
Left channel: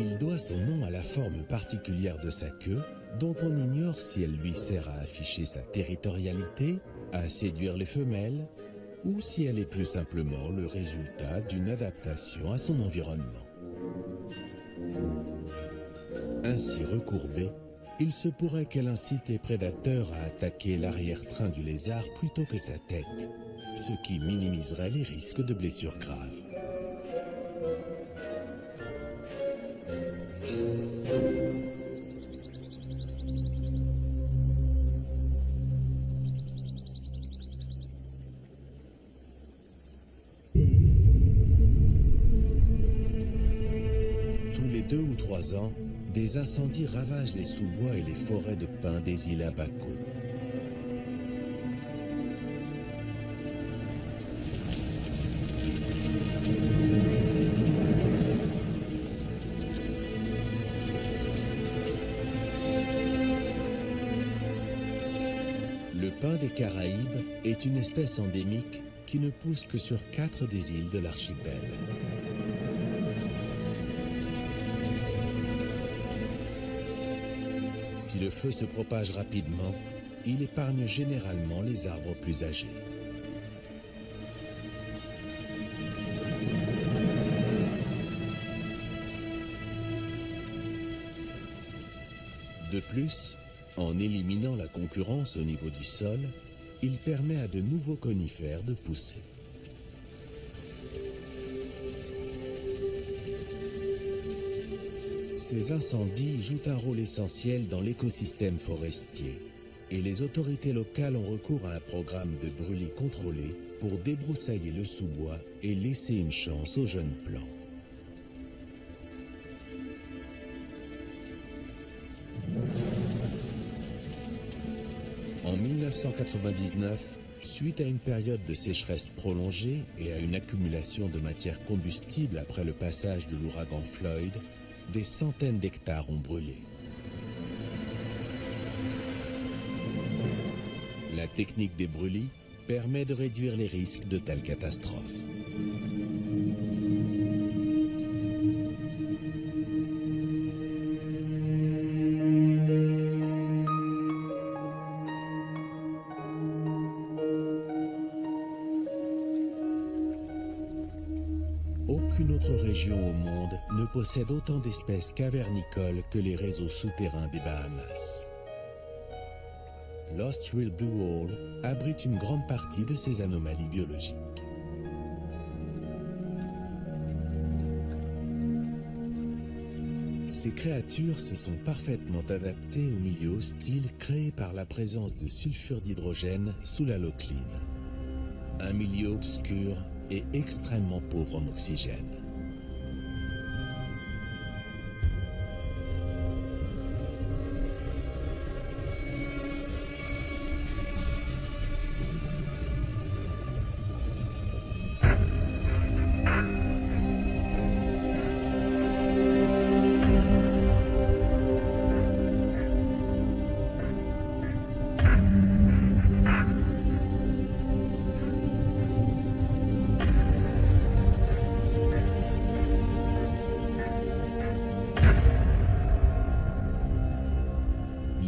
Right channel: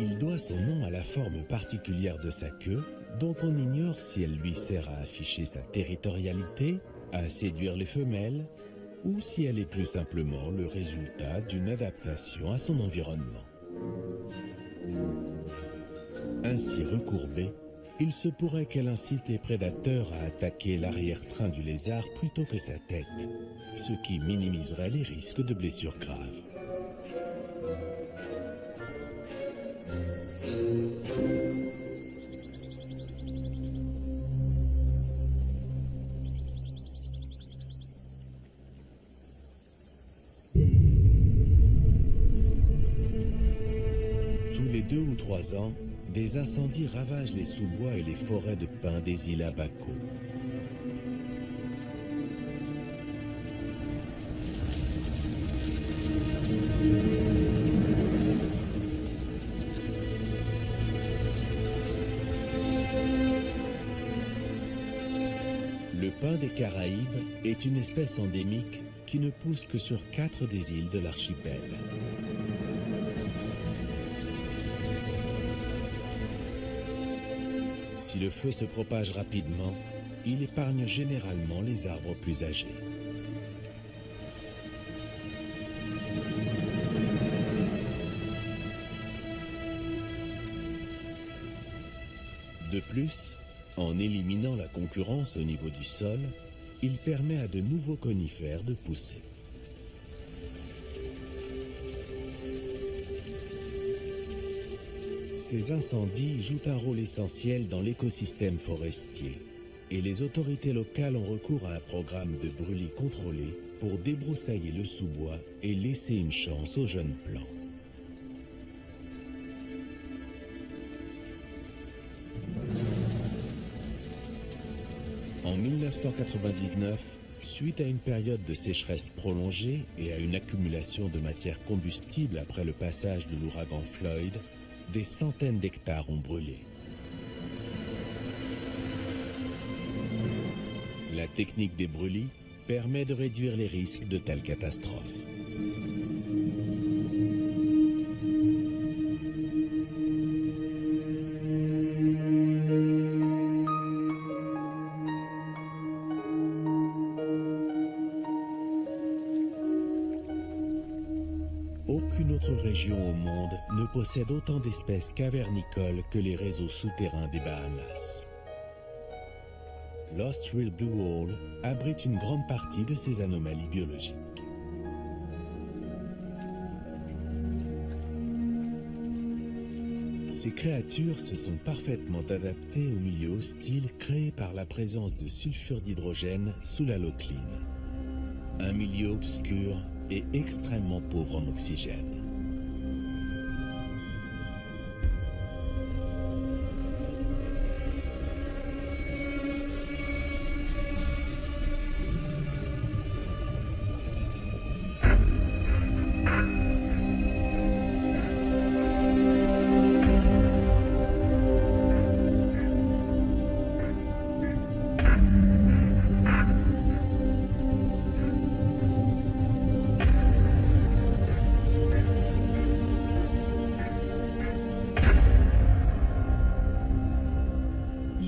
Il doit son nom à la forme particulière de sa queue, dont on ignore si elle lui sert à afficher sa territorialité, à séduire les femelles, ou si elle est plus simplement le résultat d'une adaptation à son environnement. Ainsi recourbée, il se pourrait qu'elle incite les prédateurs à attaquer l'arrière-train du lézard plutôt que sa tête, ce qui minimiserait les risques de blessures graves. Tous les 2 ou 3 ans, des incendies ravagent les sous-bois et les forêts de pins des îles Abaco. Le pin des Caraïbes est une espèce endémique qui ne pousse que sur 4 des îles de l'archipel. Si le feu se propage rapidement, il épargne généralement les arbres plus âgés. De plus, en éliminant la concurrence au niveau du sol, il permet à de nouveaux conifères de pousser. Ces incendies jouent un rôle essentiel dans l'écosystème forestier et les autorités locales ont recours à un programme de brûlis contrôlé pour débroussailler le sous-bois et laisser une chance aux jeunes plants. En 1999, suite à une période de sécheresse prolongée et à une accumulation de matière combustible après le passage de l'ouragan Floyd, des centaines d'hectares ont brûlé. La technique des brûlis permet de réduire les risques de telles catastrophes. Aucune autre région au monde ne possède autant d'espèces cavernicoles que les réseaux souterrains des Bahamas. Lost Rill Blue Hole abrite une grande partie de ces anomalies biologiques. Ces créatures se sont parfaitement adaptées au milieu hostile créé par la présence de sulfure d'hydrogène sous la locline. Un milieu obscur et extrêmement pauvre en oxygène.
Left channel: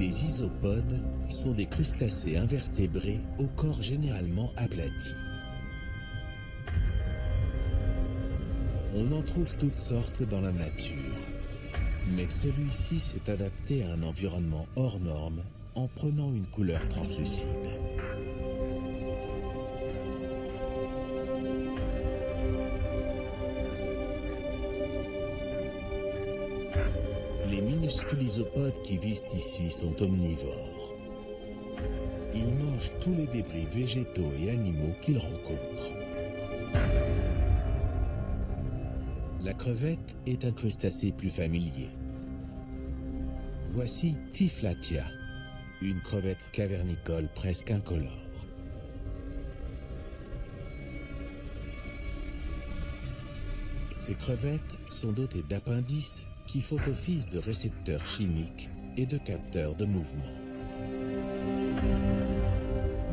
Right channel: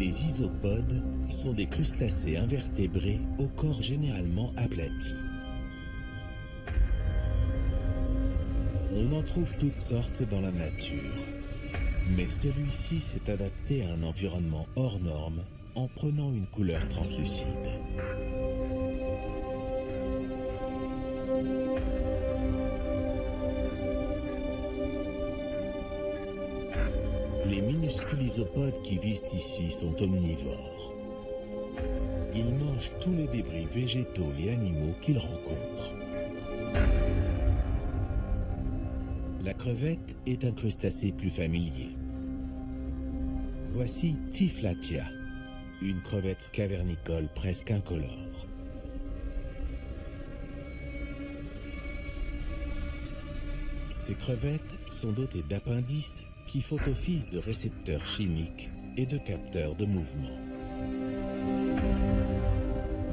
Les isopodes sont des crustacés invertébrés au corps généralement aplati. On en trouve toutes sortes dans la nature, mais celui-ci s'est adapté à un environnement hors norme en prenant une couleur translucide. Les minuscules isopodes qui vivent ici sont omnivores. Ils mangent tous les débris végétaux et animaux qu'ils rencontrent. La crevette est un crustacé plus familier. Voici Typhlatia, une crevette cavernicole presque incolore. Ces crevettes sont dotées d'appendices qui font office de récepteurs chimiques et de capteurs de mouvement.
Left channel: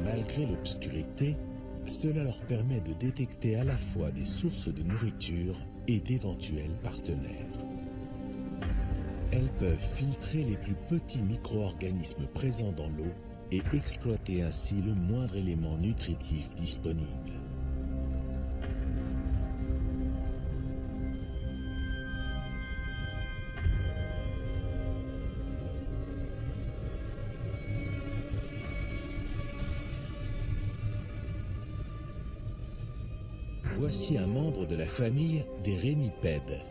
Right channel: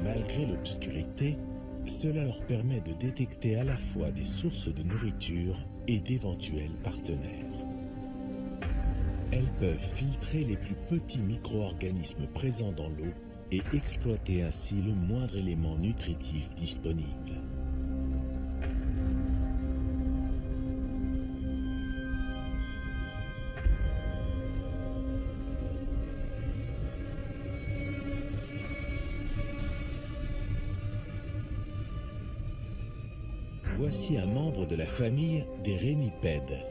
Malgré l'obscurité, cela leur permet de détecter à la fois des sources de nourriture et d'éventuels partenaires. Elles peuvent filtrer les plus petits micro-organismes présents dans l'eau et exploiter ainsi le moindre élément nutritif disponible. Voici un membre de la famille des rémipèdes,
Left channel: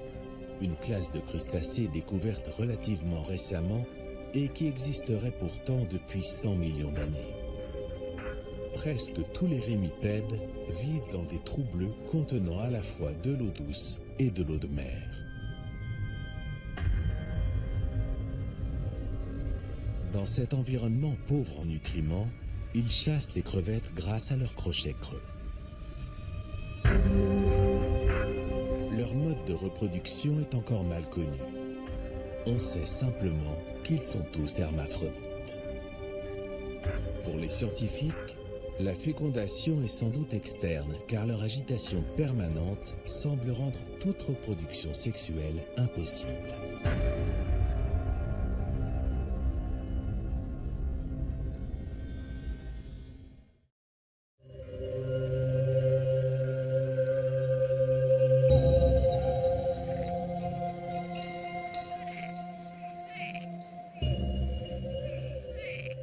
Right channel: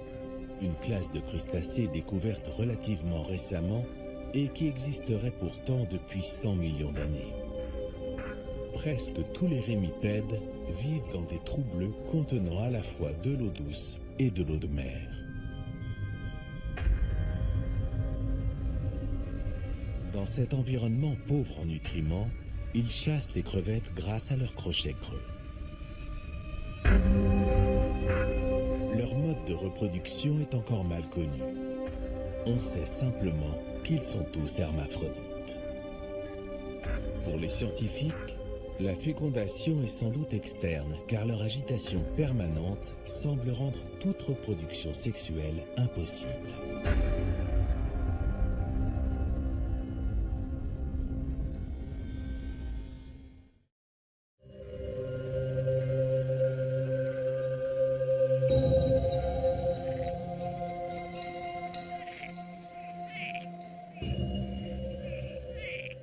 une classe de crustacés découverte relativement récemment et qui existerait pourtant depuis 100 millions d'années. Presque tous les rémipèdes vivent dans des trous bleus contenant à la fois de l'eau douce et de l'eau de mer. Dans cet environnement pauvre en nutriments, ils chassent les crevettes grâce à leurs crochets creux. Leur mode de reproduction est encore mal connu. On sait simplement qu'ils sont tous hermaphrodites. Pour les scientifiques, la fécondation est sans doute externe car leur agitation permanente semble rendre toute reproduction sexuelle impossible.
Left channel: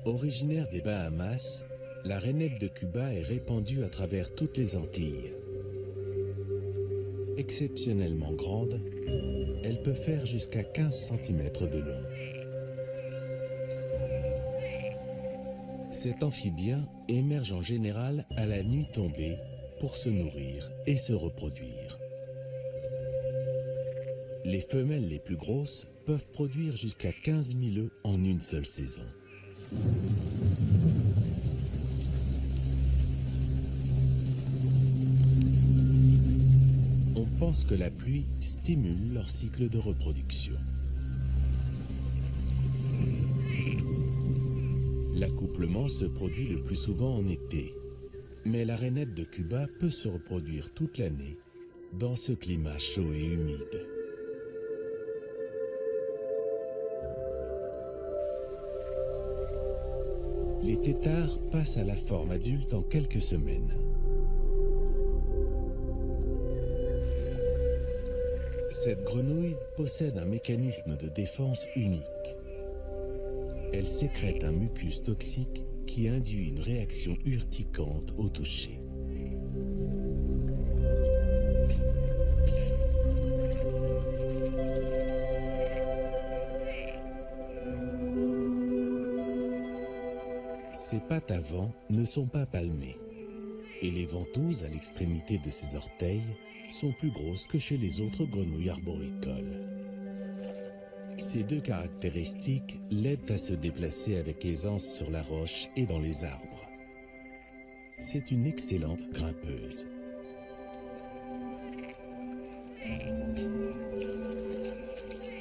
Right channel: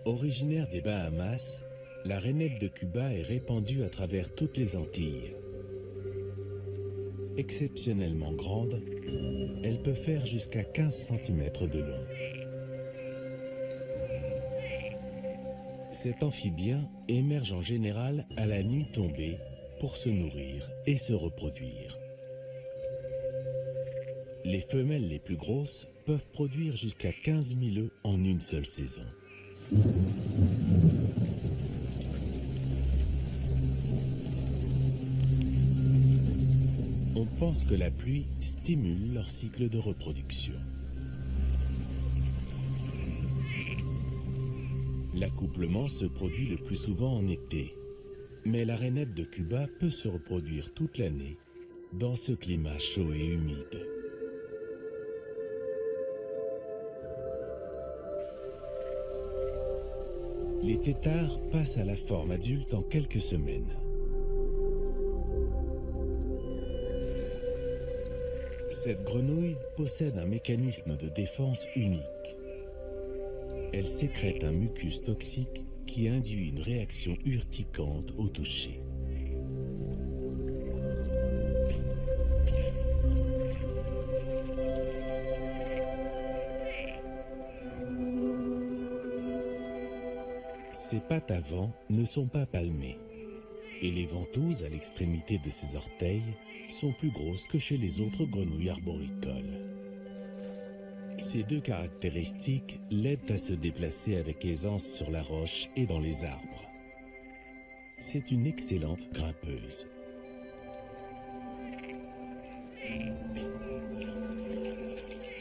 Originaire des Bahamas, la rainette de Cuba est répandue à travers toutes les Antilles. Exceptionnellement grande, Elle peut faire jusqu'à 15 cm de long. Cet amphibien émerge en général à la nuit tombée pour se nourrir et se reproduire. Les femelles les plus grosses peuvent produire jusqu'à 15 000 œufs en une seule saison. On pense que la pluie stimule leur cycle de reproduction. L'accouplement se produit le plus souvent en été, mais la rainette de Cuba peut se reproduire toute l'année dans ce climat chaud et humide. Les têtards passent à la forme adulte en quelques semaines. Cette grenouille possède un mécanisme de défense unique. Elle sécrète un mucus toxique qui induit une réaction urticante au toucher. Ses pattes avant ne sont pas palmées et les ventouses à l'extrémité de ses orteils sont plus grosses que chez les autres grenouilles arboricoles. Ces deux caractéristiques l'aident à se déplacer avec aisance sur la roche et dans les arbres. C'est une excellente grimpeuse.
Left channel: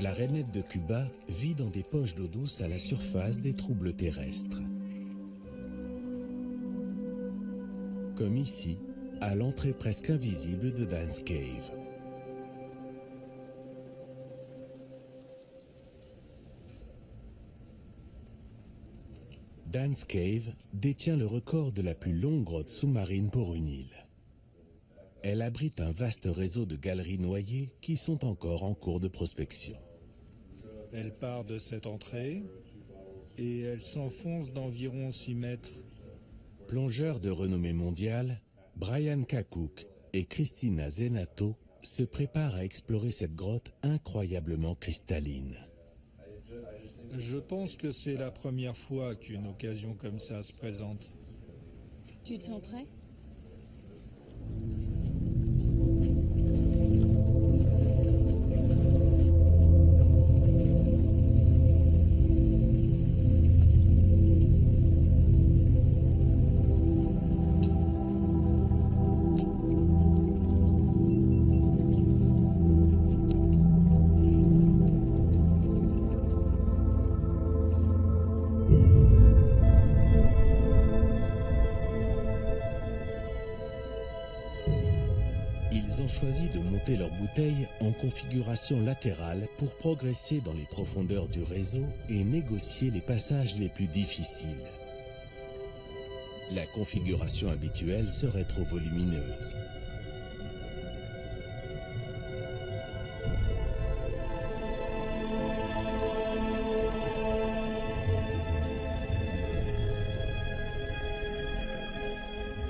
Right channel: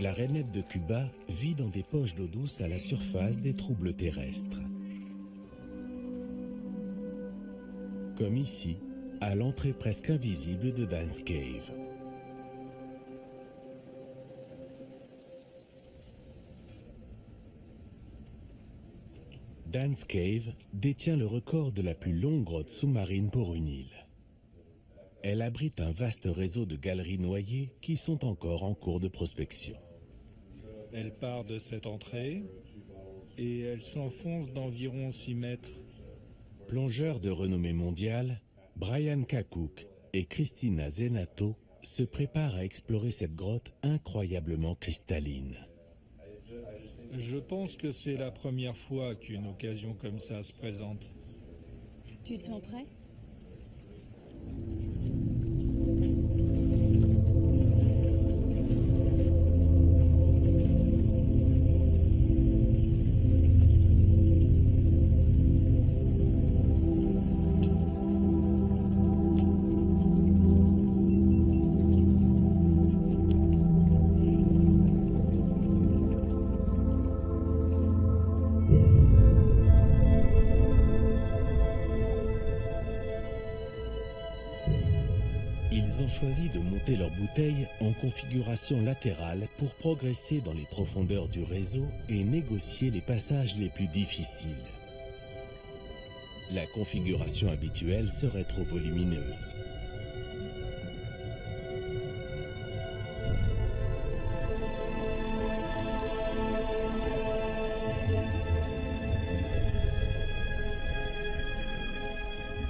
La rainette de Cuba vit dans des poches d'eau douce à la surface des troubles terrestres. Comme ici, à l'entrée presque invisible de Dan's Cave. Dan's Cave détient le record de la plus longue grotte sous-marine pour une île. Elle abrite un vaste réseau de galeries noyées qui sont encore en cours de prospection. Elle part de cette entrée et elle s'enfonce d'environ 6 mètres. Plongeurs de renommée mondiale, Brian Kakouk et Christina Zenato se préparent à explorer cette grotte incroyablement cristalline. Je pense que c'est la première fois qu'une occasion comme ça se présente. Tu te sens prêt ? Ils ont choisi de monter leur bouteille en configuration latérale pour progresser dans les profondeurs du réseau et négocier les passages les plus difficiles. La configuration habituelle serait trop volumineuse.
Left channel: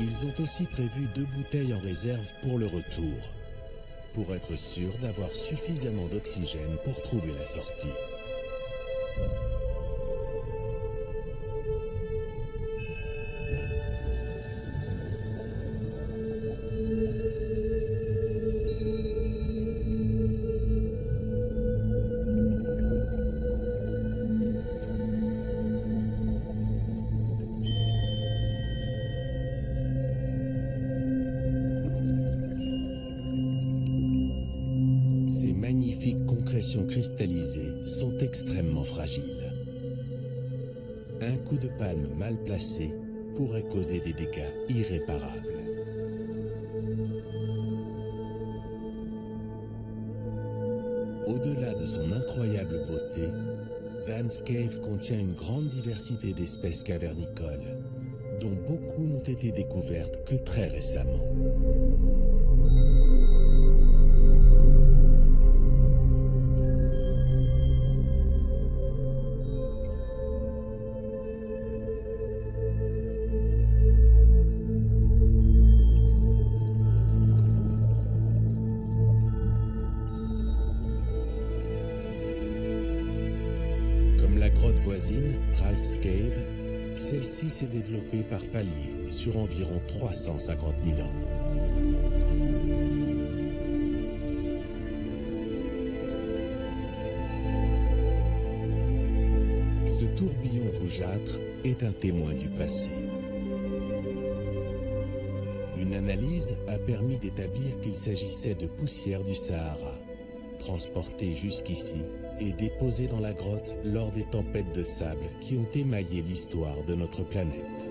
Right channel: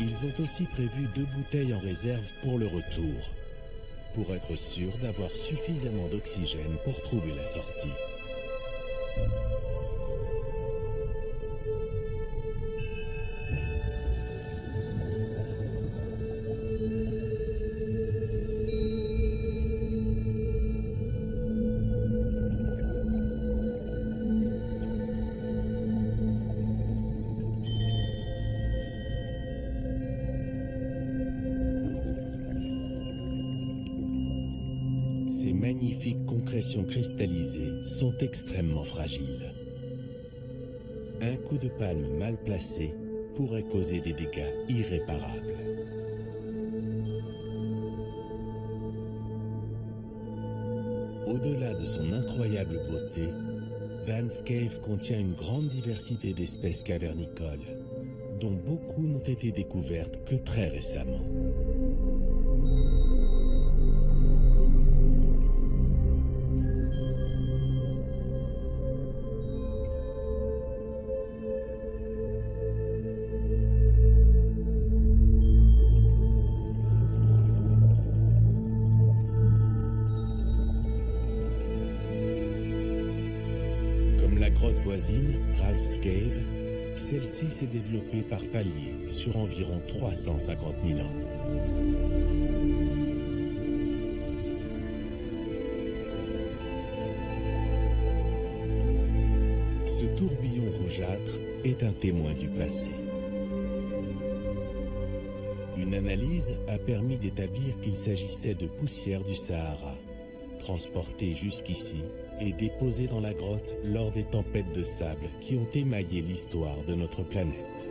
Ils ont aussi prévu 2 bouteilles en réserve pour le retour, pour être sûrs d'avoir suffisamment d'oxygène pour trouver la sortie. Ces magnifiques concrétions cristallisées sont extrêmement fragiles. Un coup de palme mal placé pourrait causer des dégâts irréparables. Au-delà de son incroyable beauté, Dan's Cave contient une grande diversité d'espèces cavernicoles, dont beaucoup n'ont été découvertes que très récemment. Comme la grotte voisine, Ralph's Cave, celle-ci s'est développée par paliers sur environ 350 000 ans. Ce tourbillon rougeâtre est un témoin du passé. Une analyse a permis d'établir qu'il s'agissait de poussière du Sahara, transportée jusqu'ici et déposée dans la grotte lors des tempêtes de sable qui ont émaillé l'histoire de notre planète.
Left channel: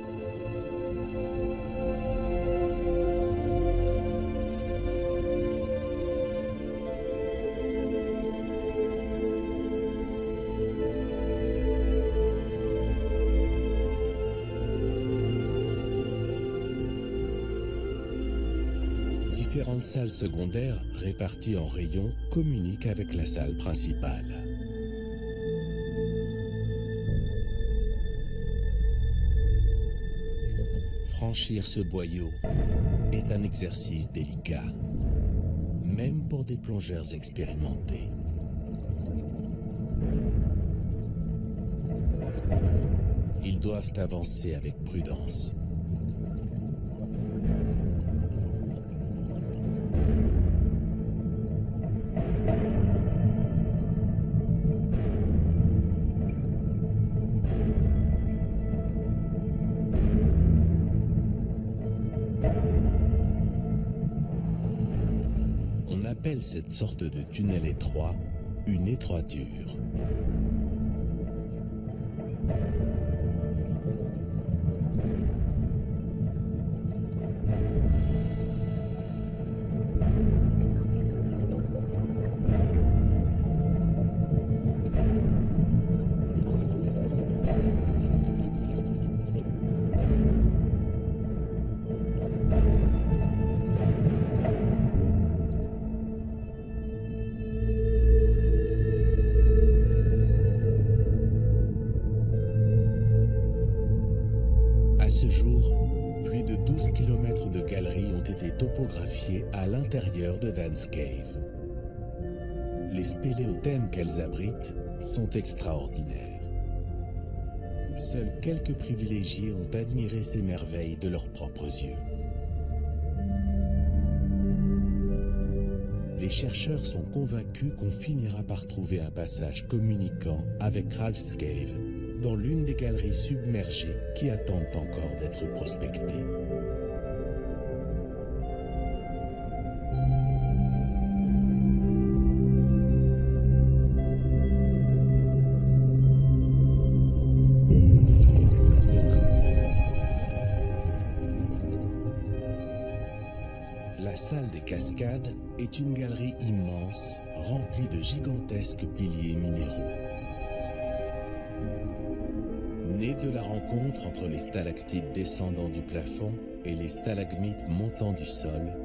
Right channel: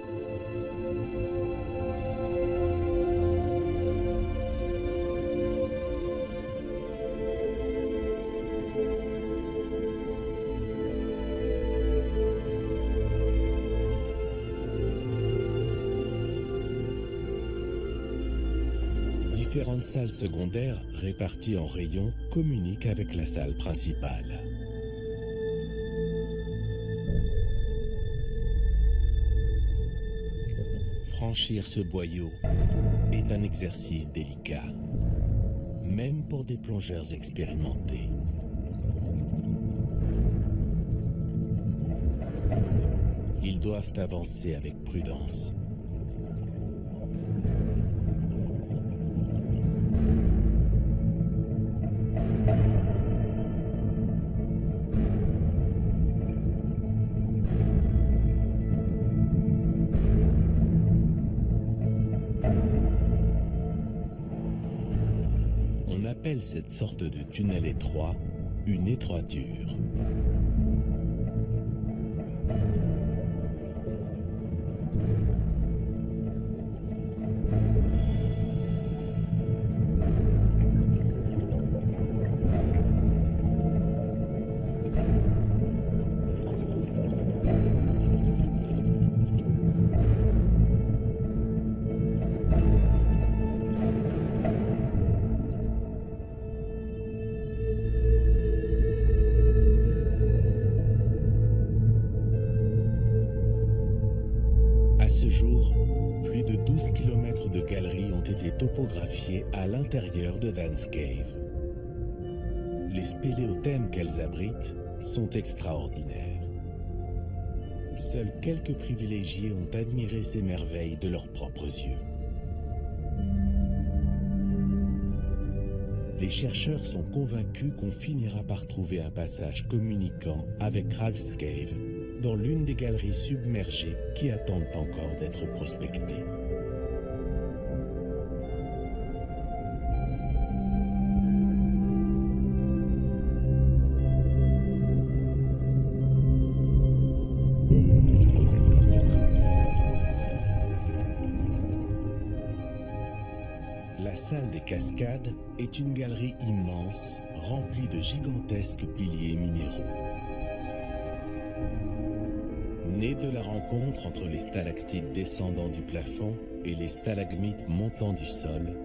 Différentes salles secondaires réparties en rayons communiquent avec la salle principale. Franchir ce boyau est un exercice délicat, même pour des plongeurs expérimentés. Ils doivent avancer avec prudence. On appelle cette sorte de tunnel étroit une étroiture. À ce jour, plus de 12 km de galeries ont été topographiées à l'intérieur de Dan's Cave. Les spéléothèmes qu'elles abritent sont extraordinaires. Seuls quelques privilégiés ont admiré ces merveilles de leurs propres yeux. Les chercheurs sont convaincus qu'on finira par trouver un passage communiquant avec Ralph's Cave dans l'une des galeries submergées qui attendent encore d'être prospectées. La salle des cascades est une galerie immense remplie de gigantesques piliers minéraux. Nés de la rencontre entre les stalactites descendant du plafond et les stalagmites montant du sol,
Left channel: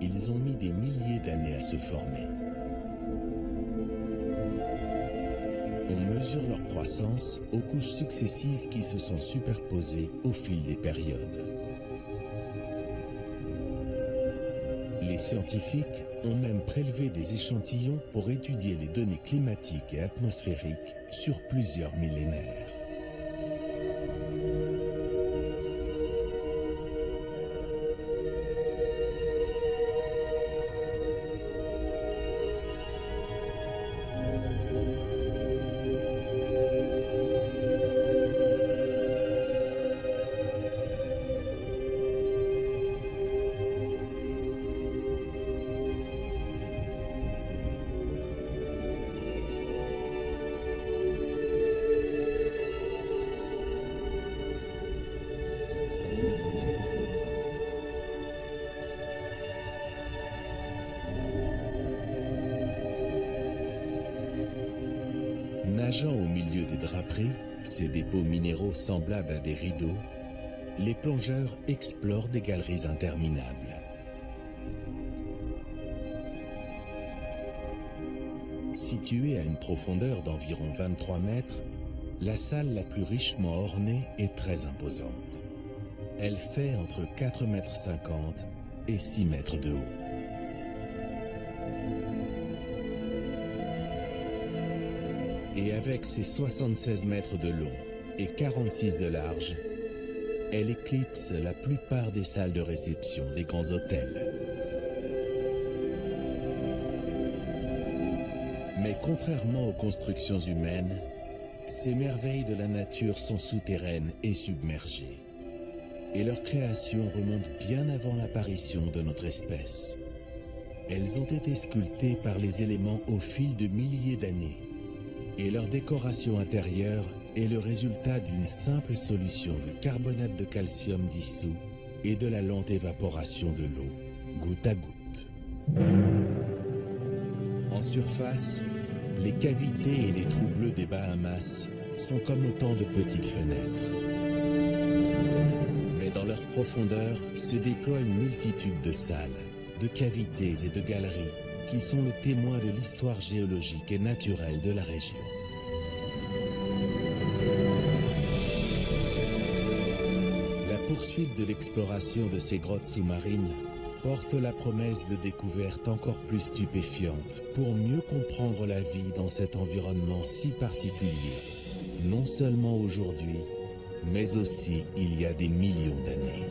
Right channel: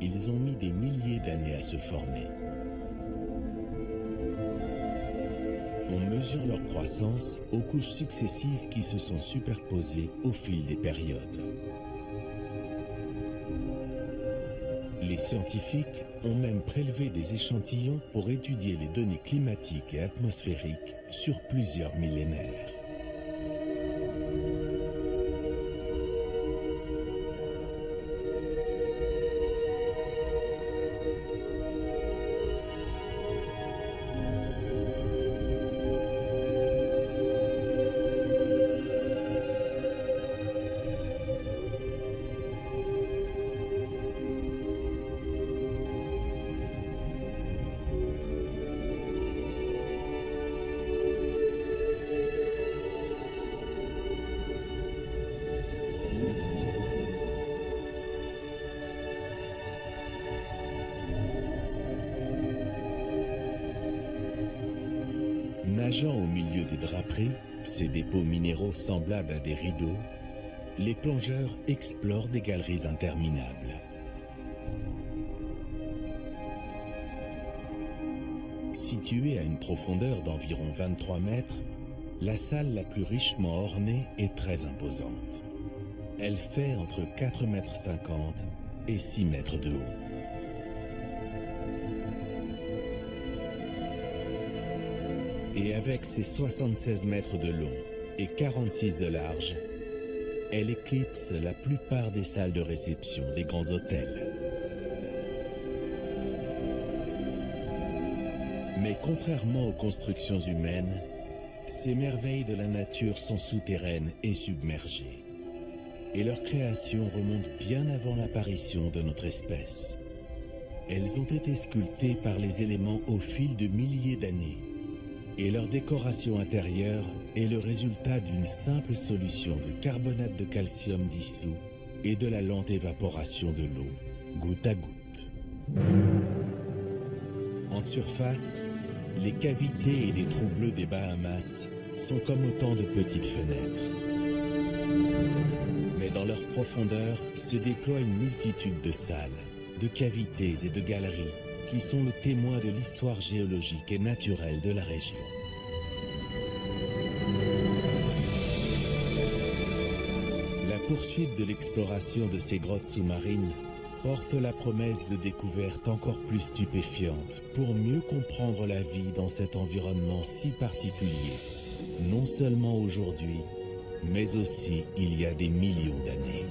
ils ont mis des milliers d'années à se former. On mesure leur croissance aux couches successives qui se sont superposées au fil des périodes. Les scientifiques ont même prélevé des échantillons pour étudier les données climatiques et atmosphériques sur plusieurs millénaires. Nageant au milieu des draperies, ces dépôts minéraux semblables à des rideaux, les plongeurs explorent des galeries interminables. Située à une profondeur d'environ 23 mètres, la salle la plus richement ornée est très imposante. Elle fait entre 4,50 mètres et 6 mètres de haut. Et avec ses 76 mètres de long et 46 de large, elle éclipse la plupart des salles de réception des grands hôtels. Mais contrairement aux constructions humaines, ces merveilles de la nature sont souterraines et submergées. Et leur création remonte bien avant l'apparition de notre espèce. Elles ont été sculptées par les éléments au fil de milliers d'années. Et leur décoration intérieure est le résultat d'une simple solution de carbonate de calcium dissous et de la lente évaporation de l'eau, goutte à goutte. En surface, les cavités et les trous bleus des Bahamas sont comme autant de petites fenêtres. Mais dans leur profondeur se déploie une multitude de salles, de cavités et de galeries qui sont le témoin de l'histoire géologique et naturelle de la région. La poursuite de l'exploration de ces grottes sous-marines porte la promesse de découvertes encore plus stupéfiantes pour mieux comprendre la vie dans cet environnement si particulier, non seulement aujourd'hui, mais aussi il y a des millions d'années.